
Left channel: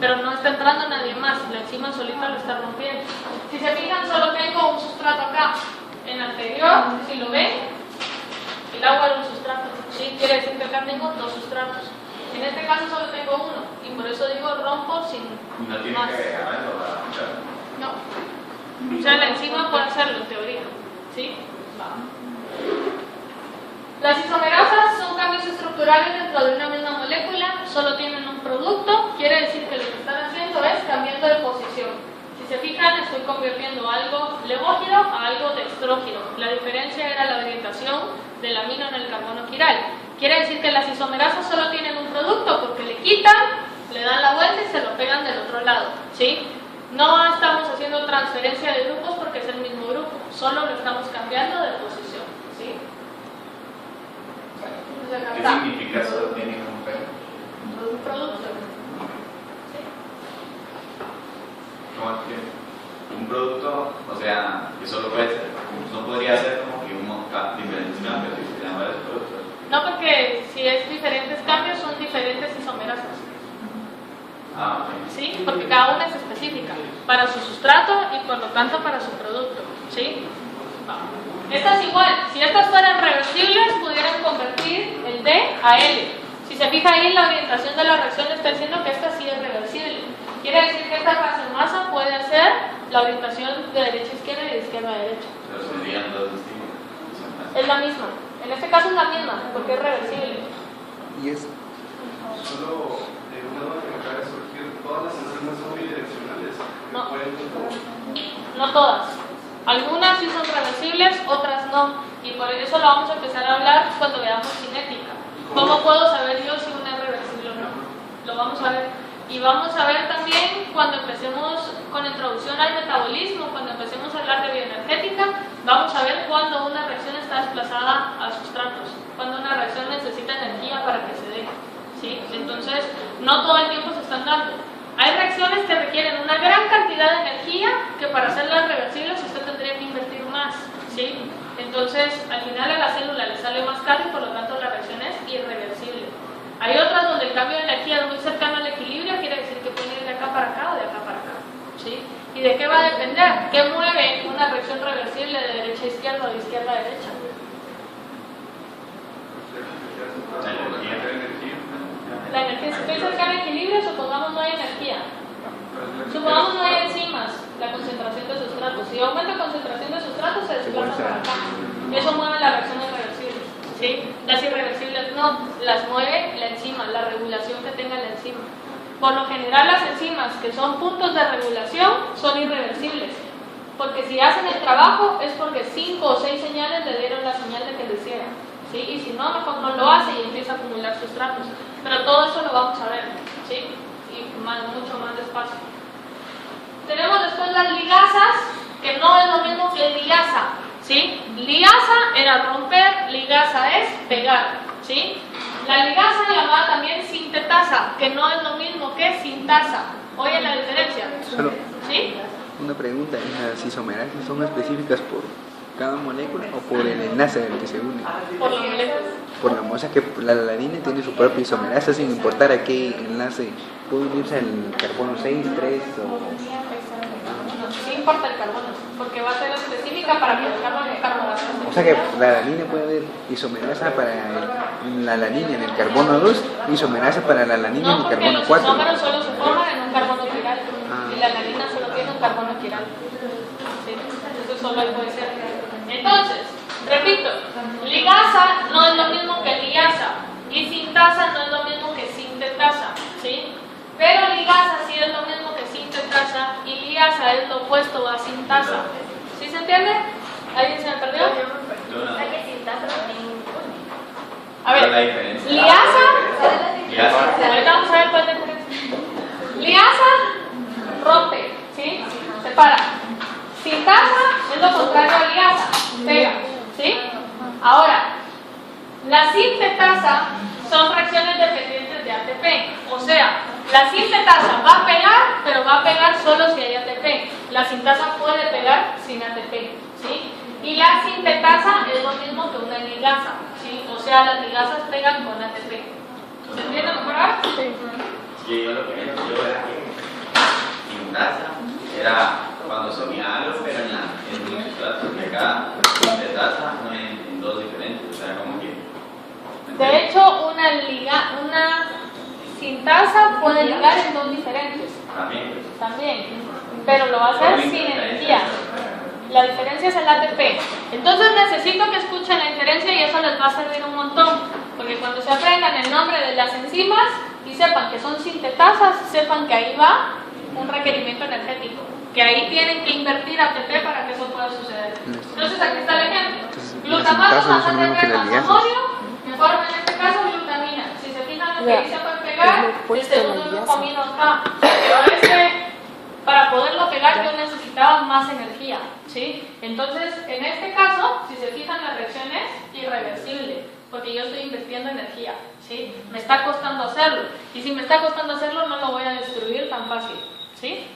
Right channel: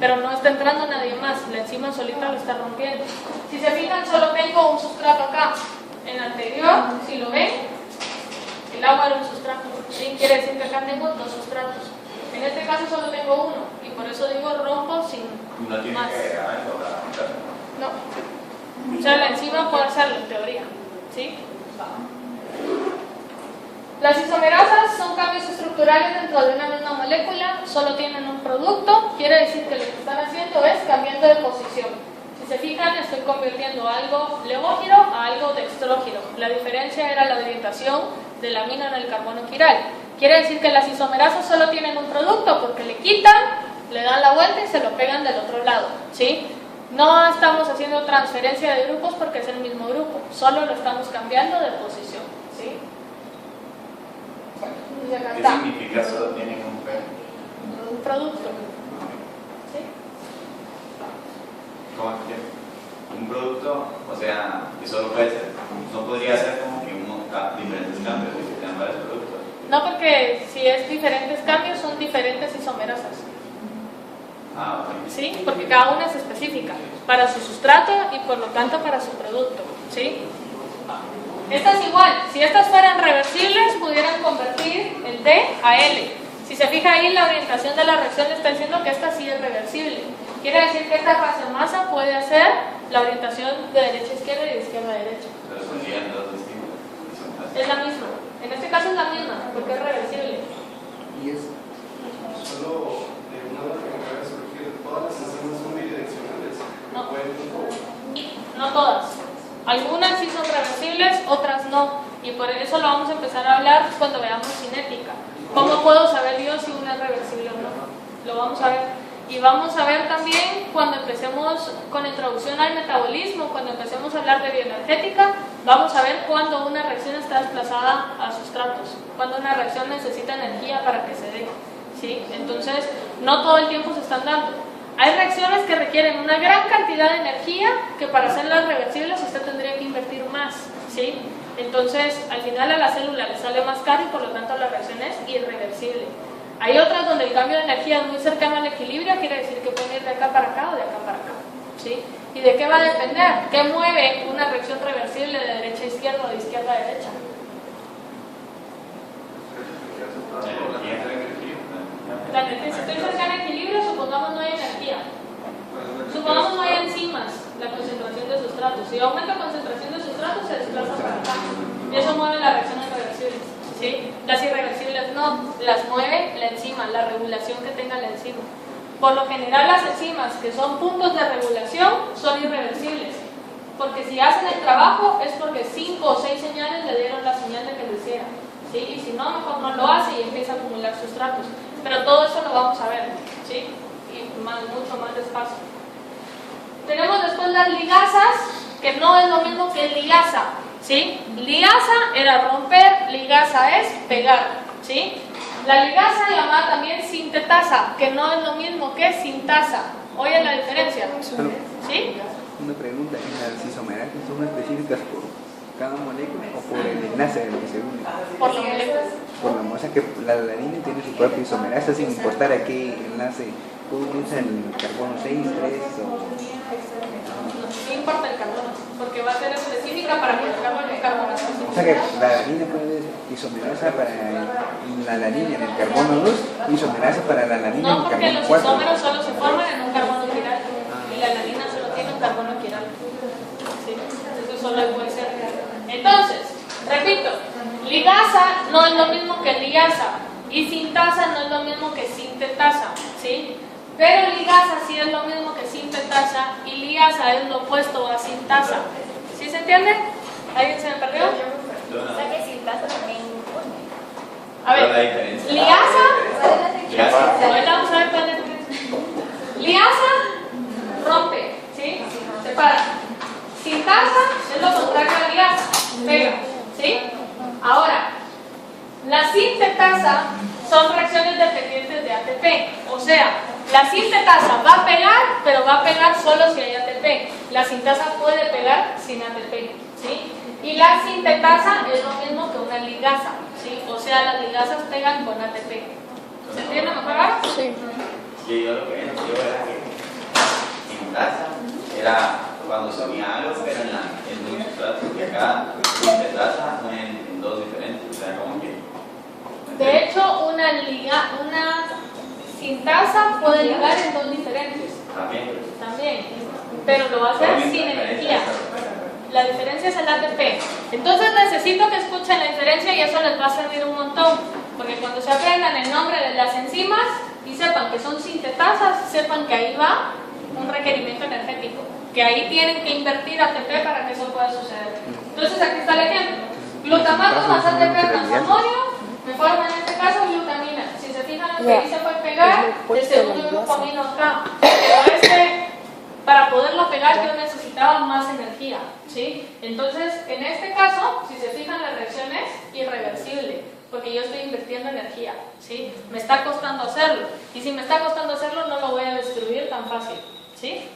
Pero no está entrando nadie más, la enzima solita lo está rompiendo. Si se fijan, solo tengo un sustrato acá. En el anterior, si lo ven, el agua era un sustrato, ¿sí? Quiere decir que acá tengo 2 sustratos. En este caso solo tengo uno, y por eso digo rompo sin No tiene más. que dejar eso para romperlo. No. O sea, la enzima puede hacerlo en teoría, ¿sí? Las isomerasas son cambios estructurales dentro de una misma molécula, solo tienen un producto, quiere decir que lo que están haciendo es cambiando de posición. Si se fijan, estoy convirtiendo algo levógiro a algo dextrógiro. La diferencia era la orientación del amino en el carbono quiral. Quiere decir que las isomerasas solo tienen un producto porque le quitan, le dan la vuelta y se lo pegan del otro lado, ¿sí? No estamos haciendo transferencia de grupos porque es el mismo grupo, solo lo estamos cambiando de posición, ¿sí? Entonces, acá ¿Qué está. significa solo tienen un pelo? Un producto. ¿Sí? ¿Cómo que? Un producto, o sea, que solo puede ser, no podría ser como que diferentes cambios y se llaman varios productos. No, porque si es diferentes cambios son diferentes isomerasas. Ah, ok. ¿Sí? Porque cada una es específica para su sustrato y por lo tanto para su producto, ¿sí? Esta es igual, si estas fueran reversibles pudieran convertir el D a L. Si se fija ahí la orientación de la reacción le está diciendo que esta sí es reversible. Quiere decir que esta fase masa puede hacer la orientación de derecha a izquierda y de izquierda a derecha. Pero serían dos distintos. Es la misma, en este caso es la misma porque es reversible. Y es Solo una nota que acaba de surgir, todas las enzimas son bidireccionales. No. No todas. Algunas sí son reversibles, otras no. Y por eso lo vamos a empezar a hablar cuando veamos cinética. ¿Cómo puedo saber yo si una es reversible o no? Lo vamos a ver. Y vamos a ver también cuando empecemos con la introducción al metabolismo, cuando empecemos a hablar de bioenergética, vamos a ver cuando una reacción está desplazada a sustratos, cuando una reacción necesita energía para que se dé, ¿sí? Entonces, no todo el tiempo se están dando. Hay reacciones que requieren una gran cantidad de energía que para hacerlas reversibles usted tendría que invertir más, ¿sí? Entonces, al final a la célula le sale más caro y por lo tanto la reacción es irreversible. Hay otras donde el cambio de energía es muy cercano al equilibrio, quiere decir que puede ir de acá para acá o de acá para acá, ¿sí? ¿Y de qué va a depender? ¿Qué mueve una reacción reversible de derecha a izquierda o de izquierda a derecha? La energía, si estoy cercana al equilibrio, supongamos no hay energía. Supongamos no hay enzimas, la concentración de sustratos. Si aumenta la concentración de sustratos, se desplaza para acá. Y eso mueve las reacciones reversibles, ¿sí? Las irreversibles no, las mueve la enzima, la regulación que tenga la enzima. Por lo general, las enzimas que son puntos de regulación son irreversibles. Porque si hacen el trabajo es porque 5 o 6 señales le dieron la señal de que lo hiciera, ¿sí? Y si no, mejor no lo hace y empieza a acumular sustratos. Pero todo eso lo vamos a ver, ¿sí? Y mucho más despacio. Tenemos después las ligasas, que no es lo mismo que ligasa, ¿sí? Ligasa era romper, ligasa es pegar, ¿sí? La ligasa llamada también sintetasa, que no es lo mismo que sintasa. ¿Oyen la diferencia? ¿Sí? Una pregunta, ¿las isomerasas son específicas por cada molécula o por el enlace del que se une? Por lo menos. O sea que la alanina tiene su propia isomerasa sin importar a qué enlace. Todos usan el carbono 6, 3 o... No importa el carbono, porque va a ser específica para colocarlo en el carbono. O sea que la alanina puede haber isomerasa para la alanina en el carbono 2 y isomerasa para la alanina en No, el porque carbono los 4. isómeros solo se forman en un carbono quiral y la alanina solo tiene un carbono quiral. ¿Sí? Eso solo ahí puede ser. Entonces, repito, ligasa no es lo mismo que ligasa y sintasa no es lo mismo que sintetasa, ¿sí? Pero ligasa sí es lo mismo que sintetasa y ligasa es lo opuesto a sintasa. ¿Sí se entiende? ¿Alguien se me perdió? O sea que sintasa también. A ver, ligasa, ahorita vamos a ver cuál es la diferencia. Ligasa rompe, ¿sí? Separa. Sintasa es lo contrario a ligasa, pega, ¿sí? Ahora, la sintetasa son reacciones dependientes de ATP, o sea, la sintetasa va a pegar, pero va a pegar solo si hay ATP. La sintasa puede pegar sin ATP, ¿sí? Y la sintetasa es lo mismo que una ligasa, ¿sí? O sea, las ligasas pegan con ATP. ¿Se entiende mejor? Sí. Sí, yo lo que entiendo era que sintasa era cuando se unía algo, pero en un sustrato, porque acá sintetasa en dos diferentes, o sea, como que... De hecho, una sintasa puede ligar en dos diferentes. También. Pero lo va a hacer sin energía. La diferencia es el ATP. Entonces necesito que escuchen la diferencia y eso les va a servir un montón. Porque cuando se aprendan el nombre de las enzimas y sepan que son sintetasas, sepan que ahí va un requerimiento energético. Que ahí tienen que invertir ATP para que eso pueda suceder. Entonces aquí está el ejemplo. Glutamato más ATP más amonio me forma en este caso glutamina. Si se fijan lo que ahí se puede pegar, el segundo grupo amino acá. Pero para poderlo pegar yo necesitaba más energía, ¿sí? Entonces, en este caso, si se fijan, la reacción es irreversible, porque yo estoy invirtiendo energía, ¿sí? Me está costando hacerlo, y si me está costando hacerlo, no lo voy a destruir tan fácil, ¿sí?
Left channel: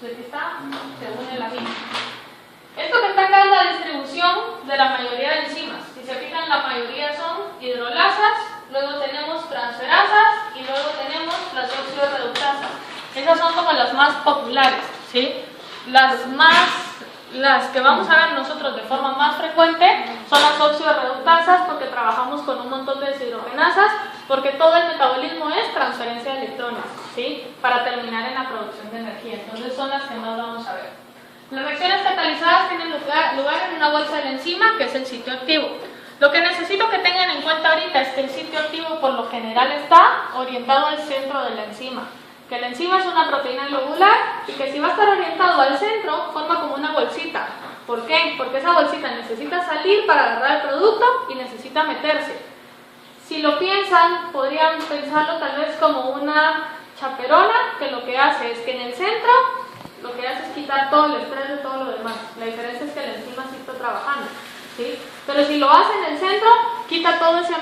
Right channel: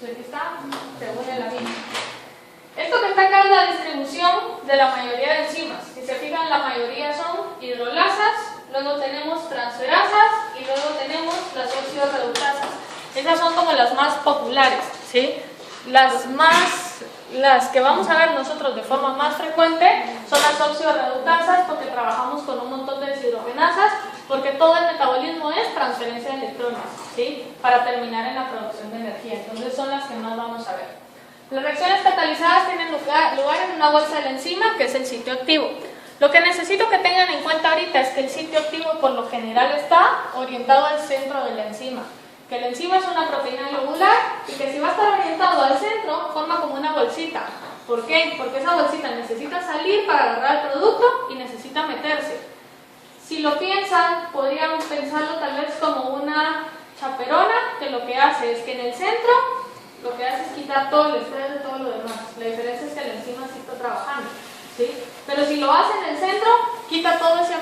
Entonces, aquí está, se une la misma. Esto que está acá es la distribución de la mayoría de enzimas. Si se fijan, la mayoría son hidrolasas, luego tenemos transferasas y luego tenemos las oxidorreductasas. Esas son como las más populares, ¿sí? Las que vamos a ver nosotros de forma más frecuente son las oxidorreductasas, porque trabajamos con un montón de deshidrogenasas, porque todo el metabolismo es transferencia de electrones, ¿sí? Para terminar en la producción de energía. Entonces son las que más vamos a ver. Las reacciones catalizadas tienen lugar en una bolsa de la enzima, que es el sitio activo. Lo que necesito que tengan en cuenta ahorita es que el sitio activo por lo general está orientado al centro de la enzima. Que la enzima es una proteína globular y que si va a estar orientado al centro, forma como una bolsita. ¿Por qué? Porque esa bolsita necesita salir para agarrar el producto y necesita meterse. Si lo piensan, podrían pensarlo tal vez como una chaperona, que lo que hace es que en el centro, lo que hace es quitar todo el estrés de todo lo demás. La diferencia es que la enzima sí está trabajando, ¿sí? Pero si lo hace en el centro, quita todo ese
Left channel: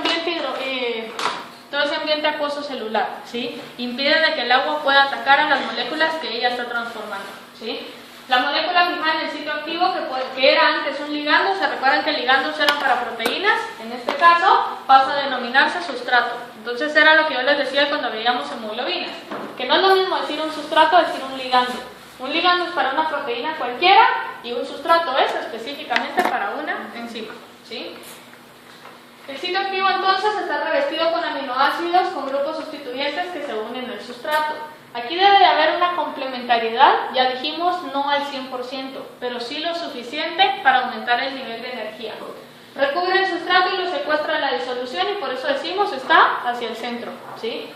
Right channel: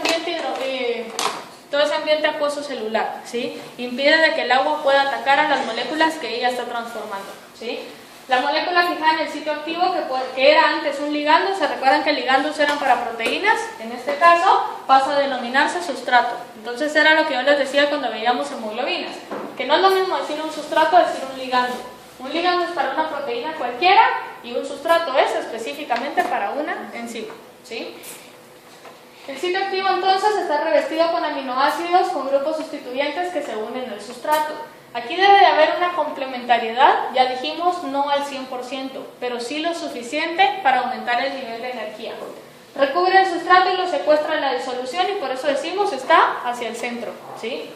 ambiente acuoso celular, ¿sí? Impide de que el agua pueda atacar a las moléculas que ella está transformando, ¿sí? La molécula fijada en el sitio activo, que era antes un ligando, se recuerdan que ligandos eran para proteínas, en este caso pasa a denominarse sustrato. Entonces era lo que yo les decía cuando veíamos hemoglobinas, que no es lo mismo decir un sustrato que decir un ligando. Un ligando es para una proteína cualquiera y un sustrato es específicamente para una enzima, ¿sí? El sitio activo entonces está revestido con aminoácidos con grupos sustituyentes que se unen al sustrato. Aquí debe de haber una complementariedad, ya dijimos no al 100%, pero sí lo suficiente para aumentar el nivel de energía. Recubre el sustrato y lo secuestra en la disolución y por eso decimos está hacia el centro, ¿sí?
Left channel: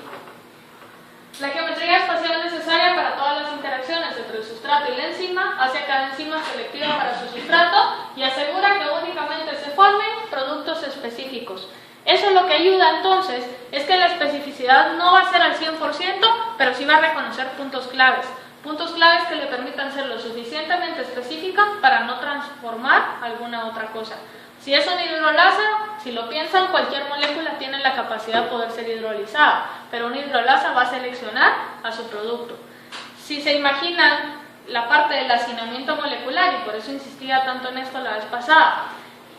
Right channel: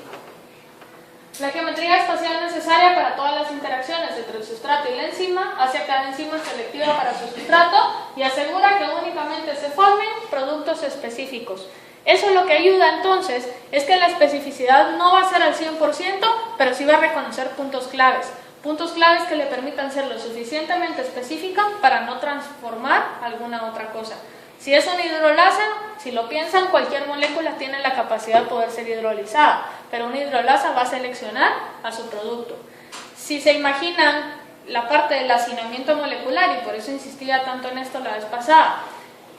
La geometría espacial necesaria para todas las interacciones entre el sustrato y la enzima hace a cada enzima selectiva para su sustrato y asegura que únicamente se formen productos específicos. Eso lo que ayuda entonces es que la especificidad no va a ser al 100%, pero sí va a reconocer puntos claves que le permitan ser lo suficientemente específica para no transformar alguna otra cosa. Si es un hidrolasa, si lo piensan, cualquier molécula tiene la capacidad de poder ser hidrolizada, pero una hidrolasa va a seleccionar a su producto. Si se imaginan la parte del hacinamiento molecular, y por eso insistía tanto en esto la vez pasada,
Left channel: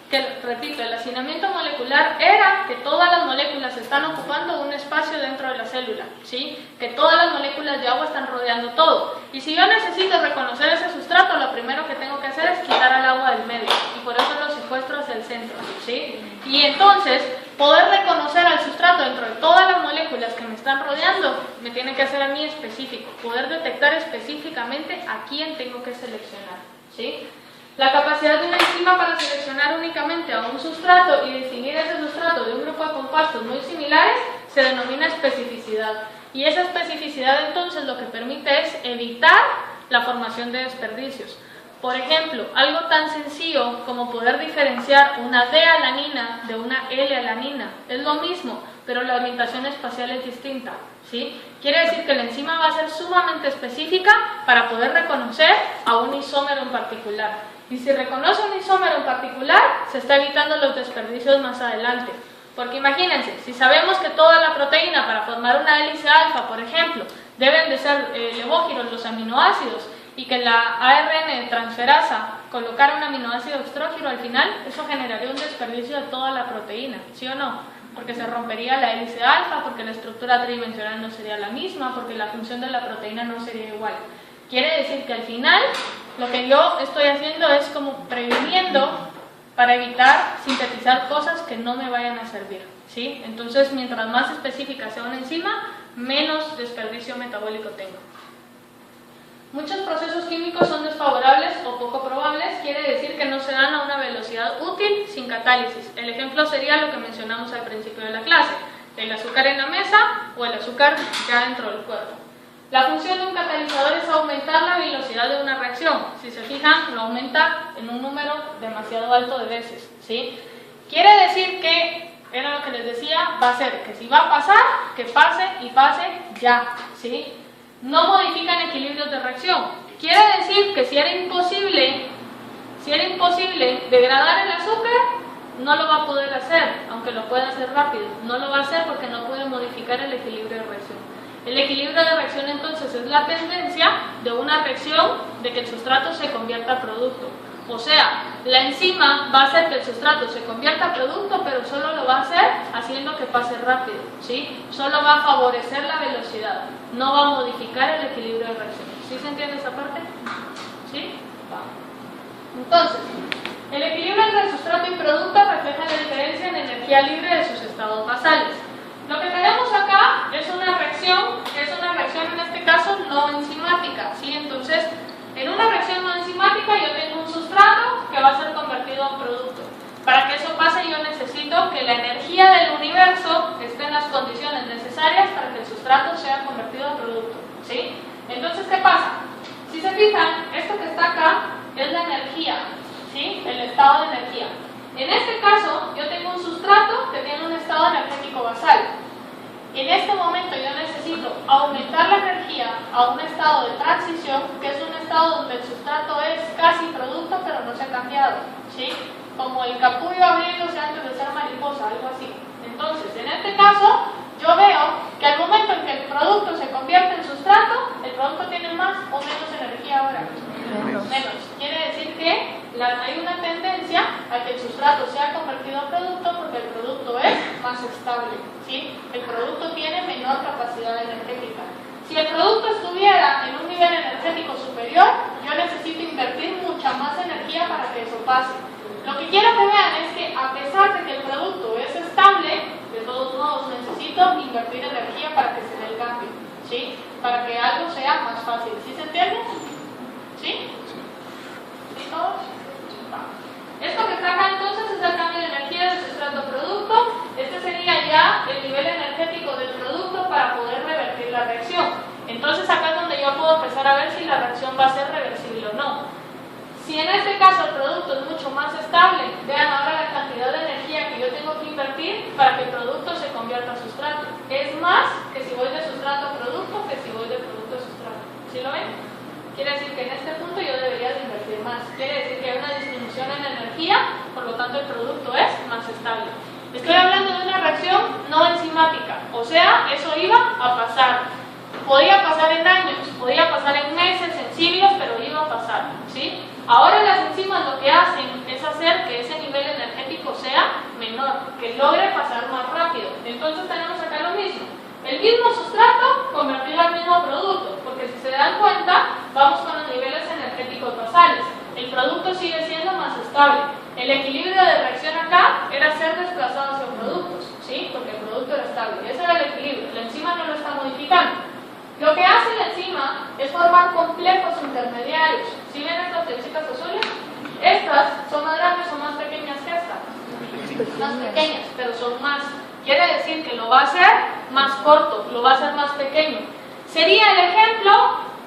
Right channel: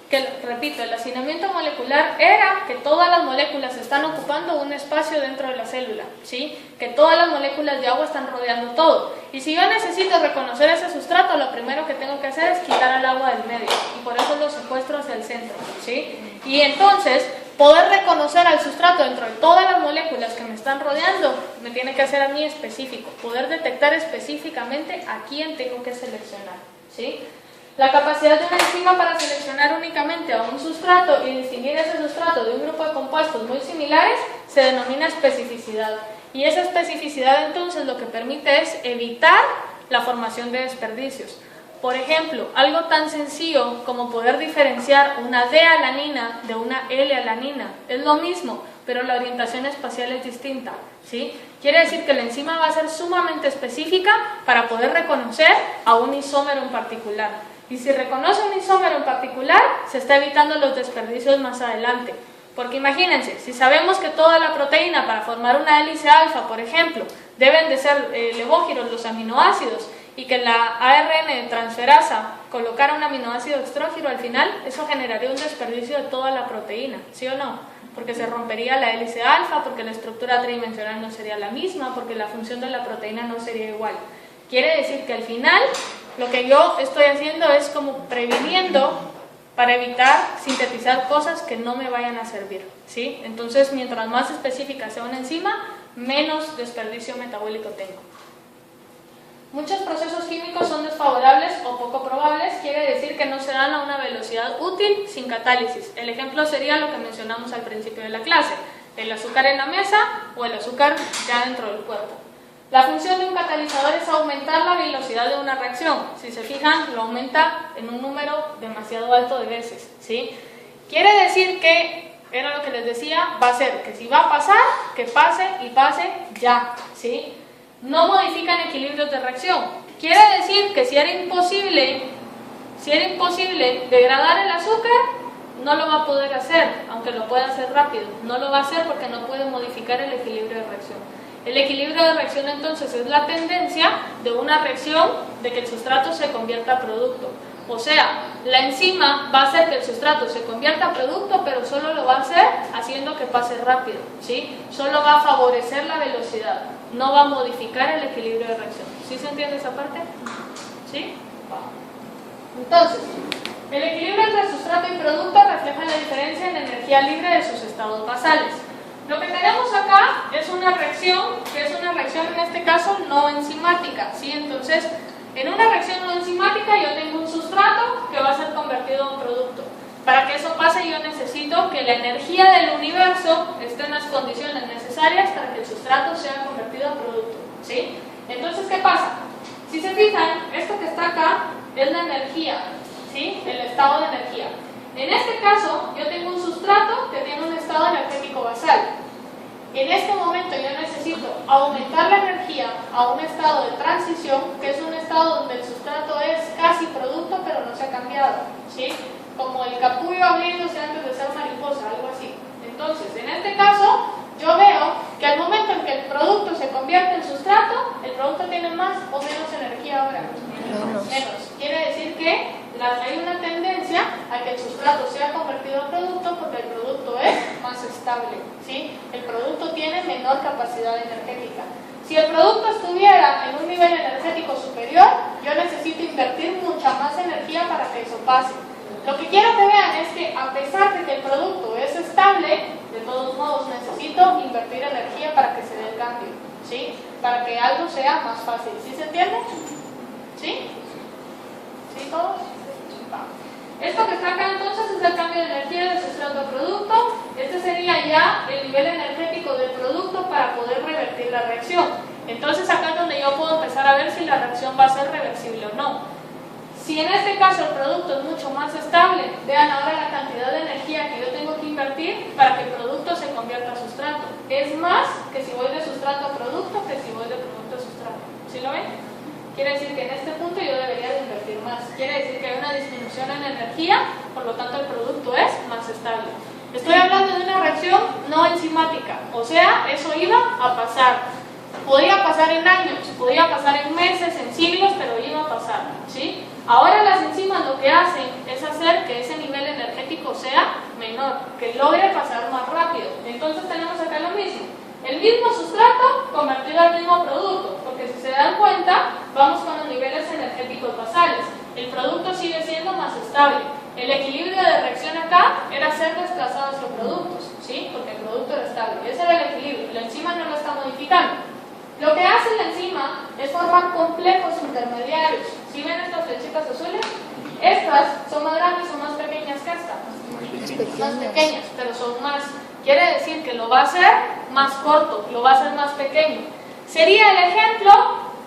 que, repito, el hacinamiento molecular era que todas las moléculas están ocupando un espacio dentro de la célula, ¿sí? Que todas las moléculas de agua están rodeando todo. Y si yo necesito reconocer ese sustrato, lo primero que tengo que hacer es quitar el agua del medio, y por eso lo secuestro hacia el centro, ¿sí? Y entonces, poder reconocer al sustrato dentro de todas las moléculas que me están rodeando, me tiene que hacer a mí específico, poder detectar específicamente a quién tengo que seleccionar, ¿sí? La capacidad de una enzima para seleccionar únicamente a un sustrato y distinguir ese sustrato de un grupo de compuestos muy similares se denomina especificidad. Y esa especificidad entonces lo que permite es evitar la formación de desperdicios. Por ejemplo, algo tan sencillo como poder diferenciar una D-alanina de una L-alanina. Es lo mismo, pero la orientación espacial es distinta, ¿sí? Quiere decir que la enzima va a ser sumamente específica para poder reconocer a un isómero en particular. Y si reconoce un isómero en particular, se está evitando los desperdicios más adelante. Porque imagínense, si sabemos que toda la proteína para formar una hélice alfa, por ejemplo, deben de ser levógiros los aminoácidos, y que la ARN transferasa colocara un aminoácido extrógiro al final, eso generaría un desperdicio de toda la proteína, ¿sí o no? Porque se rompería la hélice alfa, porque la estructura tridimensional no sería la misma, porque la función de la proteína no sería igual. Quiere decir que al final lo que yo estoy haciendo es como previniendo para evitar sintetizar cosas que no me vayan a servir, ¿sí? Entonces, mientras más específica sea una enzima, menos desperdicio metabólico tengo. Muchos procesos químicos son desfavorables o poco probables, quiere decir que no se dan a una velocidad útil sin catálisis. El ejemplo sería lo que mencionamos al principio de la clase, el azúcar en la mesa o el azúcar ya dentro del cuerpo. La función de un catalizador es aumentar la velocidad de una reacción. Si se fijan, lo aumenta en un número demasiado alto de veces, ¿sí? Quiere decir que, era lo que les decía, va a ser que si va a pasar, que pase y pase ya, ¿sí? No modifican equilibrios de reacción. Quiere decir que si era imposible degradar el azúcar, no lo va a poder hacer, aunque lo pueda hacer rápido. No lo va a hacer porque no puede modificar el equilibrio de reacción. El equilibrio de reacción entonces es la tendencia de una reacción de que el sustrato se convierta a producto. O sea, la enzima va a hacer que el sustrato se convierta a producto, pero solo lo va a hacer haciendo que pase rápido, ¿sí? Solo va a favorecer la velocidad, no va a modificar el equilibrio de reacción. ¿Sí se entiende esa parte? ¿Sí? Va. Entonces, el equilibrio entre sustrato y producto refleja la diferencia en energía libre de sus estados basales. Lo que tenemos acá es una reacción, que es una reacción en este caso no enzimática, ¿sí? Entonces, en una reacción no enzimática yo tengo un sustrato que va a ser convertido a un producto. Para que eso pase yo necesito que la energía del universo esté en las condiciones necesarias para que el sustrato sea convertido a producto, ¿sí? Entonces, ¿qué pasa? Si se fijan, esto que está acá es la energía, ¿sí? El estado de energía. En este caso, yo tengo un sustrato que tiene un estado energético En este momento yo necesito aumentar la energía a un estado de transición, que es un estado donde el sustrato es casi producto pero no se ha cambiado, ¿sí? Como el capullo abriéndose antes de ser mariposa, algo así. Entonces, en este caso, yo veo que al momento en que el producto se convierte en sustrato, el producto tiene más o menos energía ahora. Menos. Quiere decir que hay una tendencia a que el sustrato sea convertido en producto porque el producto es más estable, ¿sí? El producto tiene menor capacidad energética. Si el producto estuviera en un nivel energético superior, yo necesito invertir mucha más energía para que eso pase. Lo que quiero que vean es que a pesar de que el producto es estable, de todos modos necesito invertir energía para que se dé el cambio, ¿sí? Para que algo sea más fácil. ¿Sí se entiende? ¿Sí? ¿Sí todos? Va. Esto que está acá entonces es el cambio de energía de sustrato a producto. Este sería ya el nivel energético del producto para poder revertir la reacción. Entonces acá es donde yo puedo empezar a ver si la reacción va a ser reversible o no. Si en este caso el producto es mucho más estable, vean ahora la cantidad de energía que yo tengo que invertir para que el producto se convierta a sustrato. Es más que si voy de sustrato a producto que si voy de producto a sustrato. ¿Sí lo ven? Quiere decir que en este punto yo debería de invertir más. Quiere decir que hay una disminución en energía, por lo tanto el producto es más estable. Estoy hablando de una reacción no enzimática, o sea, eso iba a pasar. Podría pasar en años, podría pasar en meses, en siglos, pero iba a pasar, ¿sí? Ahora las enzimas lo que hacen es hacer que ese nivel energético sea menor, que logre pasar más rápido. Entonces tenemos acá lo mismo. El mismo sustrato convertido al mismo producto, porque si se dan cuenta, vamos con los niveles energéticos basales. El producto sigue siendo más estable. El equilibrio de reacción acá era ser desplazado hacia productos, ¿sí? Porque el producto era estable. Ese era el equilibrio. La enzima no lo está modificando. Lo que hace la enzima es formar complejos intermediarios. ¿Sí ven estas flechitas azules? Estas son más grandes o más pequeñas que estas. Más pequeñas, pero son más. Quiere decir que lo va a hacer más corto, lo va a hacer más pequeño. Sería el ejemplo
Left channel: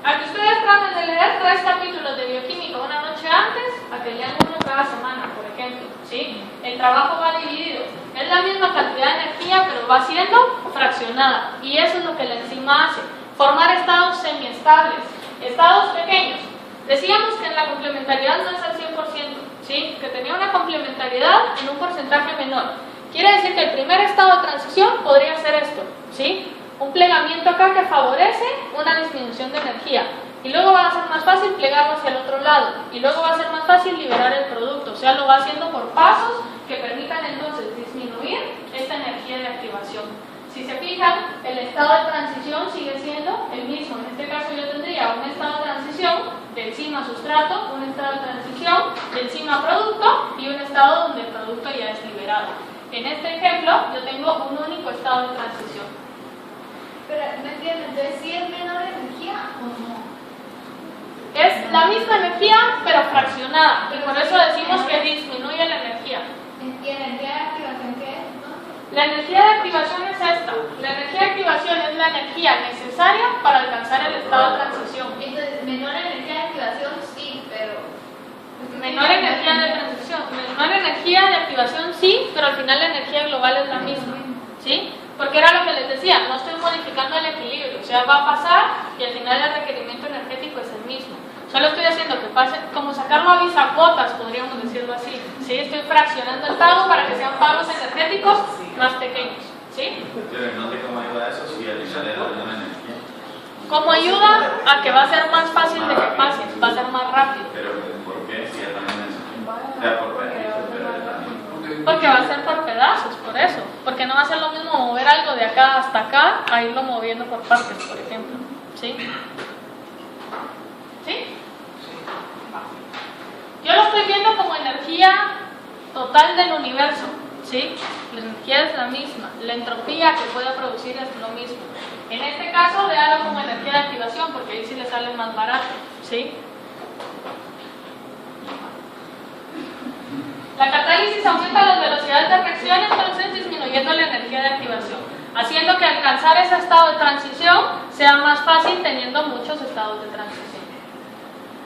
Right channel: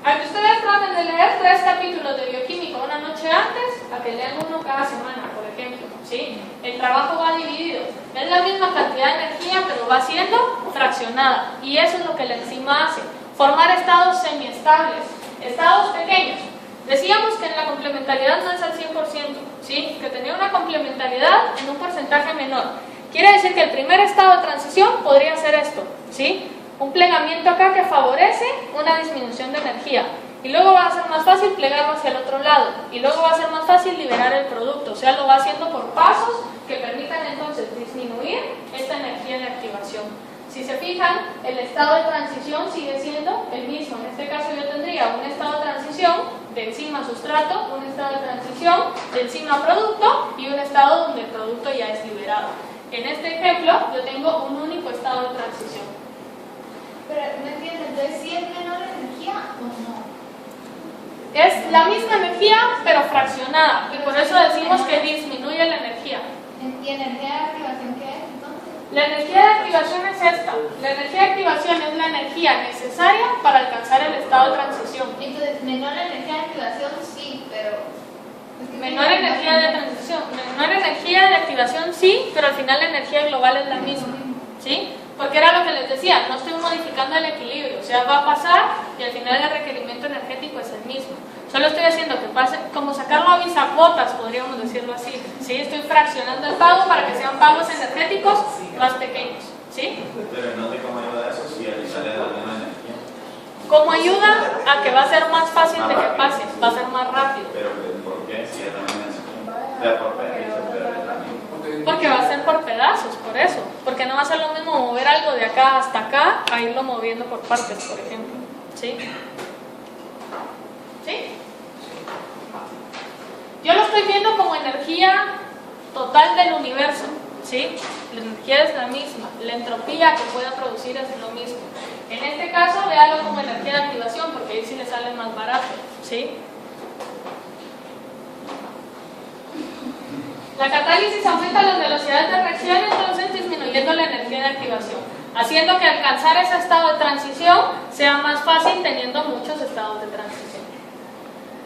a que ustedes traten de leer 3 capítulos de bioquímica una noche antes, a que lean uno cada semana, por ejemplo, ¿sí? El trabajo va dividido. Es la misma cantidad de energía, pero va siendo fraccionada. Y eso es lo que la enzima hace. Formar estados semiestables, estados pequeños. Decíamos que en la complementariedad no es al 100%, ¿sí? Que tenía una complementariedad en un porcentaje menor. Quiere decir que el primer estado de transición podría ser esto, ¿sí? Un plegamiento acá que favorece una disminución de energía. Y luego va a ser más fácil plegarlo hacia el otro lado. Y luego va a ser más fácil liberar el producto. O sea, lo va haciendo por pasos que permitan entonces disminuir esta energía de activación. Si se fijan, el estado de transición sigue siendo el mismo. En este caso yo tendría un estado de transición de enzima a sustrato, un estado de transición de enzima a producto y un estado donde el producto ya es liberado. En este ejemplo yo tengo un único estado de transición. Pero no entiendo, entonces ¿sí es menor energía o no? Es la misma energía pero fraccionada y por eso decimos que disminuye la energía. ¿Y energía de activación qué es? La energía de activación es esta. La energía de activación es la energía necesaria para alcanzar el estado de transición. Entonces, menor energía de activación sí, pero... Menor energía de transición, menor energía de activación sí, pero al final la energía global es la misma, ¿sí? Porque era lo que les decía, no estoy modificando el equilibrio, o sea, va a pasar y al final el requerimiento energético es el mismo. Solo estoy haciendo que pase, como sacarlo a bisacuotas, podríamos decirlo así, ¿sí? Estoy fraccionando el pago para que sean pagos energéticos más pequeños, ¿sí? Pero no sé cómo ayuda eso si al final es la misma energía. ¿Cómo ayuda? A que va a ser más fácil de que pase, va a ser más rápido. Pero ¿por qué? Si es la misma energía. O sea, por pedazos, pero es la misma. Porque va a ser por pedazos, por eso. Porque no va a ser lo mismo mover algo de acá hasta acá a irlo moviendo por partes, por ejemplo. ¿Sí? ¿Sí? Yo lo estoy viendo como energía total del universo, ¿sí? La energía es la misma, la entropía que pueda producir es lo mismo. En este caso, véalo como energía de activación, porque ahí sí le sale más barato, ¿sí? La catálisis aumenta las velocidades de reacción, entonces disminuyendo la energía de activación, haciendo que alcanzar ese estado de transición sea más fácil teniendo muchos estados de transición.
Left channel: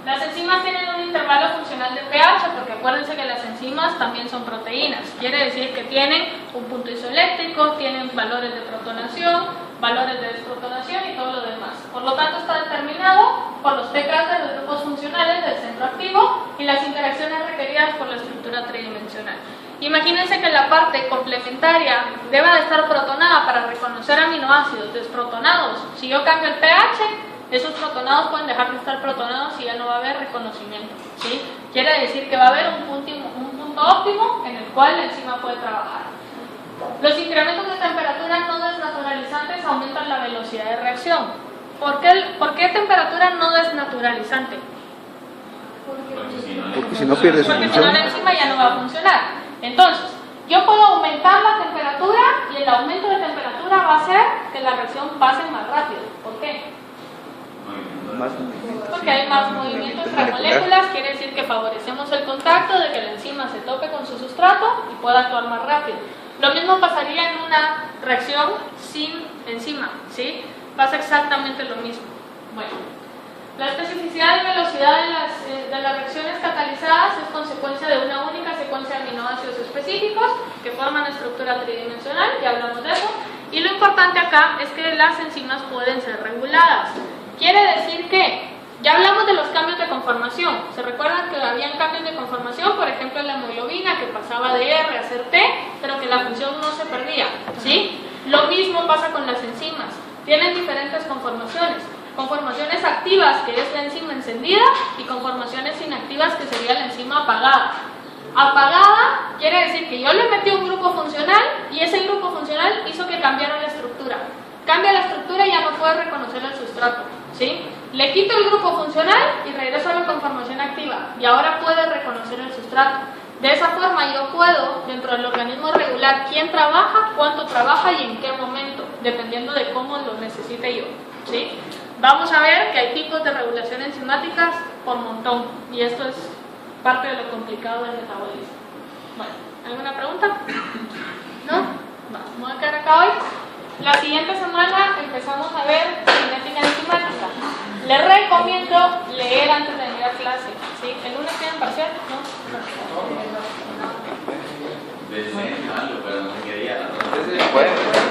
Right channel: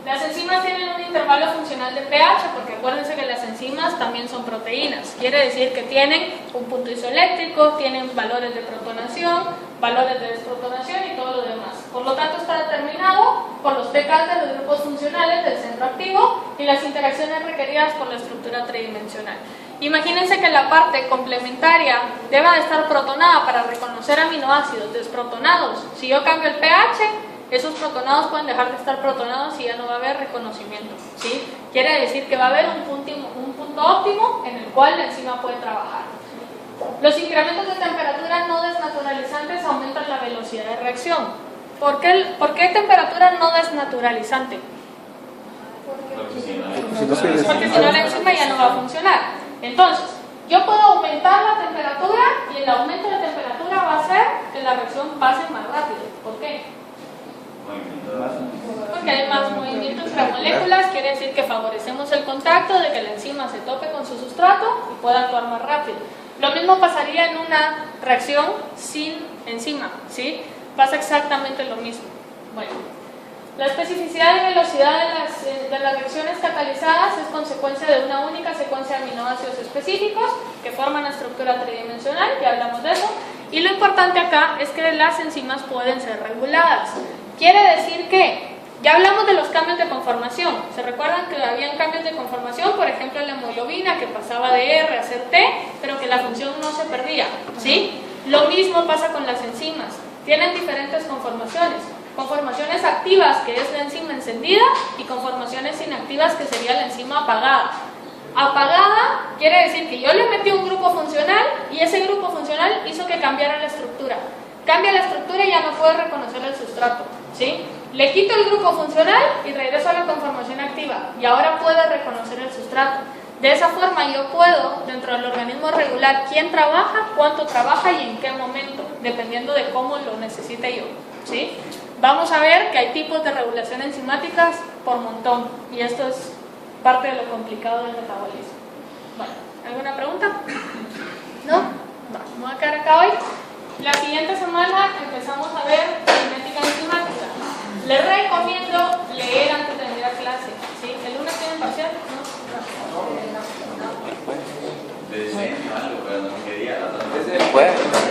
Las enzimas tienen un intervalo funcional de pH, porque acuérdense que las enzimas también son proteínas. Quiere decir que tienen un punto isoeléctrico, tienen valores de protonación, valores de desprotonación y todo lo demás. Por lo tanto, está determinado por los pKs de los grupos funcionales del centro activo y las interacciones requeridas por la estructura tridimensional. Imagínense que la parte complementaria deba de estar protonada para reconocer aminoácidos desprotonados. Si yo cambio el pH, esos protonados pueden dejar de estar protonados y ya no va a haber reconocimiento, ¿sí? Quiere decir que va a haber un punto óptimo en el cual la enzima puede trabajar. Los incrementos de temperatura no desnaturalizantes aumentan la velocidad de reacción. ¿Por qué temperatura no desnaturalizante? Porque si no, Porque si no la enzima ya no va a funcionar. Entonces, yo puedo aumentar la temperatura y el aumento de temperatura va a hacer que la reacción pase más rápido. ¿Por qué? Porque hay más movimiento entre moléculas, quiere decir que favorecemos el contacto, de que la enzima se tope con su sustrato y pueda actuar más rápido. Lo mismo pasaría en una reacción sin enzima, ¿sí? Pasa exactamente lo mismo. Bueno, la especificidad y velocidad de las reacciones catalizadas es consecuencia de una única secuencia de aminoácidos específicos que forman estructura tridimensional, ya hablamos de eso, y lo importante acá es que las enzimas pueden ser reguladas. Quiere decir que ya hablamos de los cambios de conformación. ¿Se recuerdan que habían cambios de conformación? Por ejemplo, en la hemoglobina, que pasaba de R a ser T, pero que la función no se perdía, ¿sí? Lo mismo pasa con las enzimas. Tienen diferentes conformaciones. Conformaciones activas, que es la enzima encendida, y conformaciones inactivas, que sería la enzima apagada. Apagada quiere decir que yo le metí un grupo funcional y ese grupo funcional hizo que cambiara la estructura. Cambia la estructura y ya no puede reconocer el sustrato, ¿sí? Le quito el grupo funcional y regreso a la conformación activa y ahora puede reconocer el sustrato. De esa forma yo puedo, dentro del organismo, regular quién trabaja, cuánto trabaja y en qué momento, dependiendo de cómo lo necesite yo, ¿sí? Vamos a ver que hay tipos de regulación enzimáticas por montón y esto es parte de lo complicado del metabolismo. Bueno, ¿alguna pregunta? ¿No? Vamos a quedar acá hoy. La siguiente semana empezamos a ver cinética enzimática. Les recomiendo leer antes de venir a clase, ¿sí? ¿El lunes tienen parcial? ¿No? algo, pero no quería. Bueno.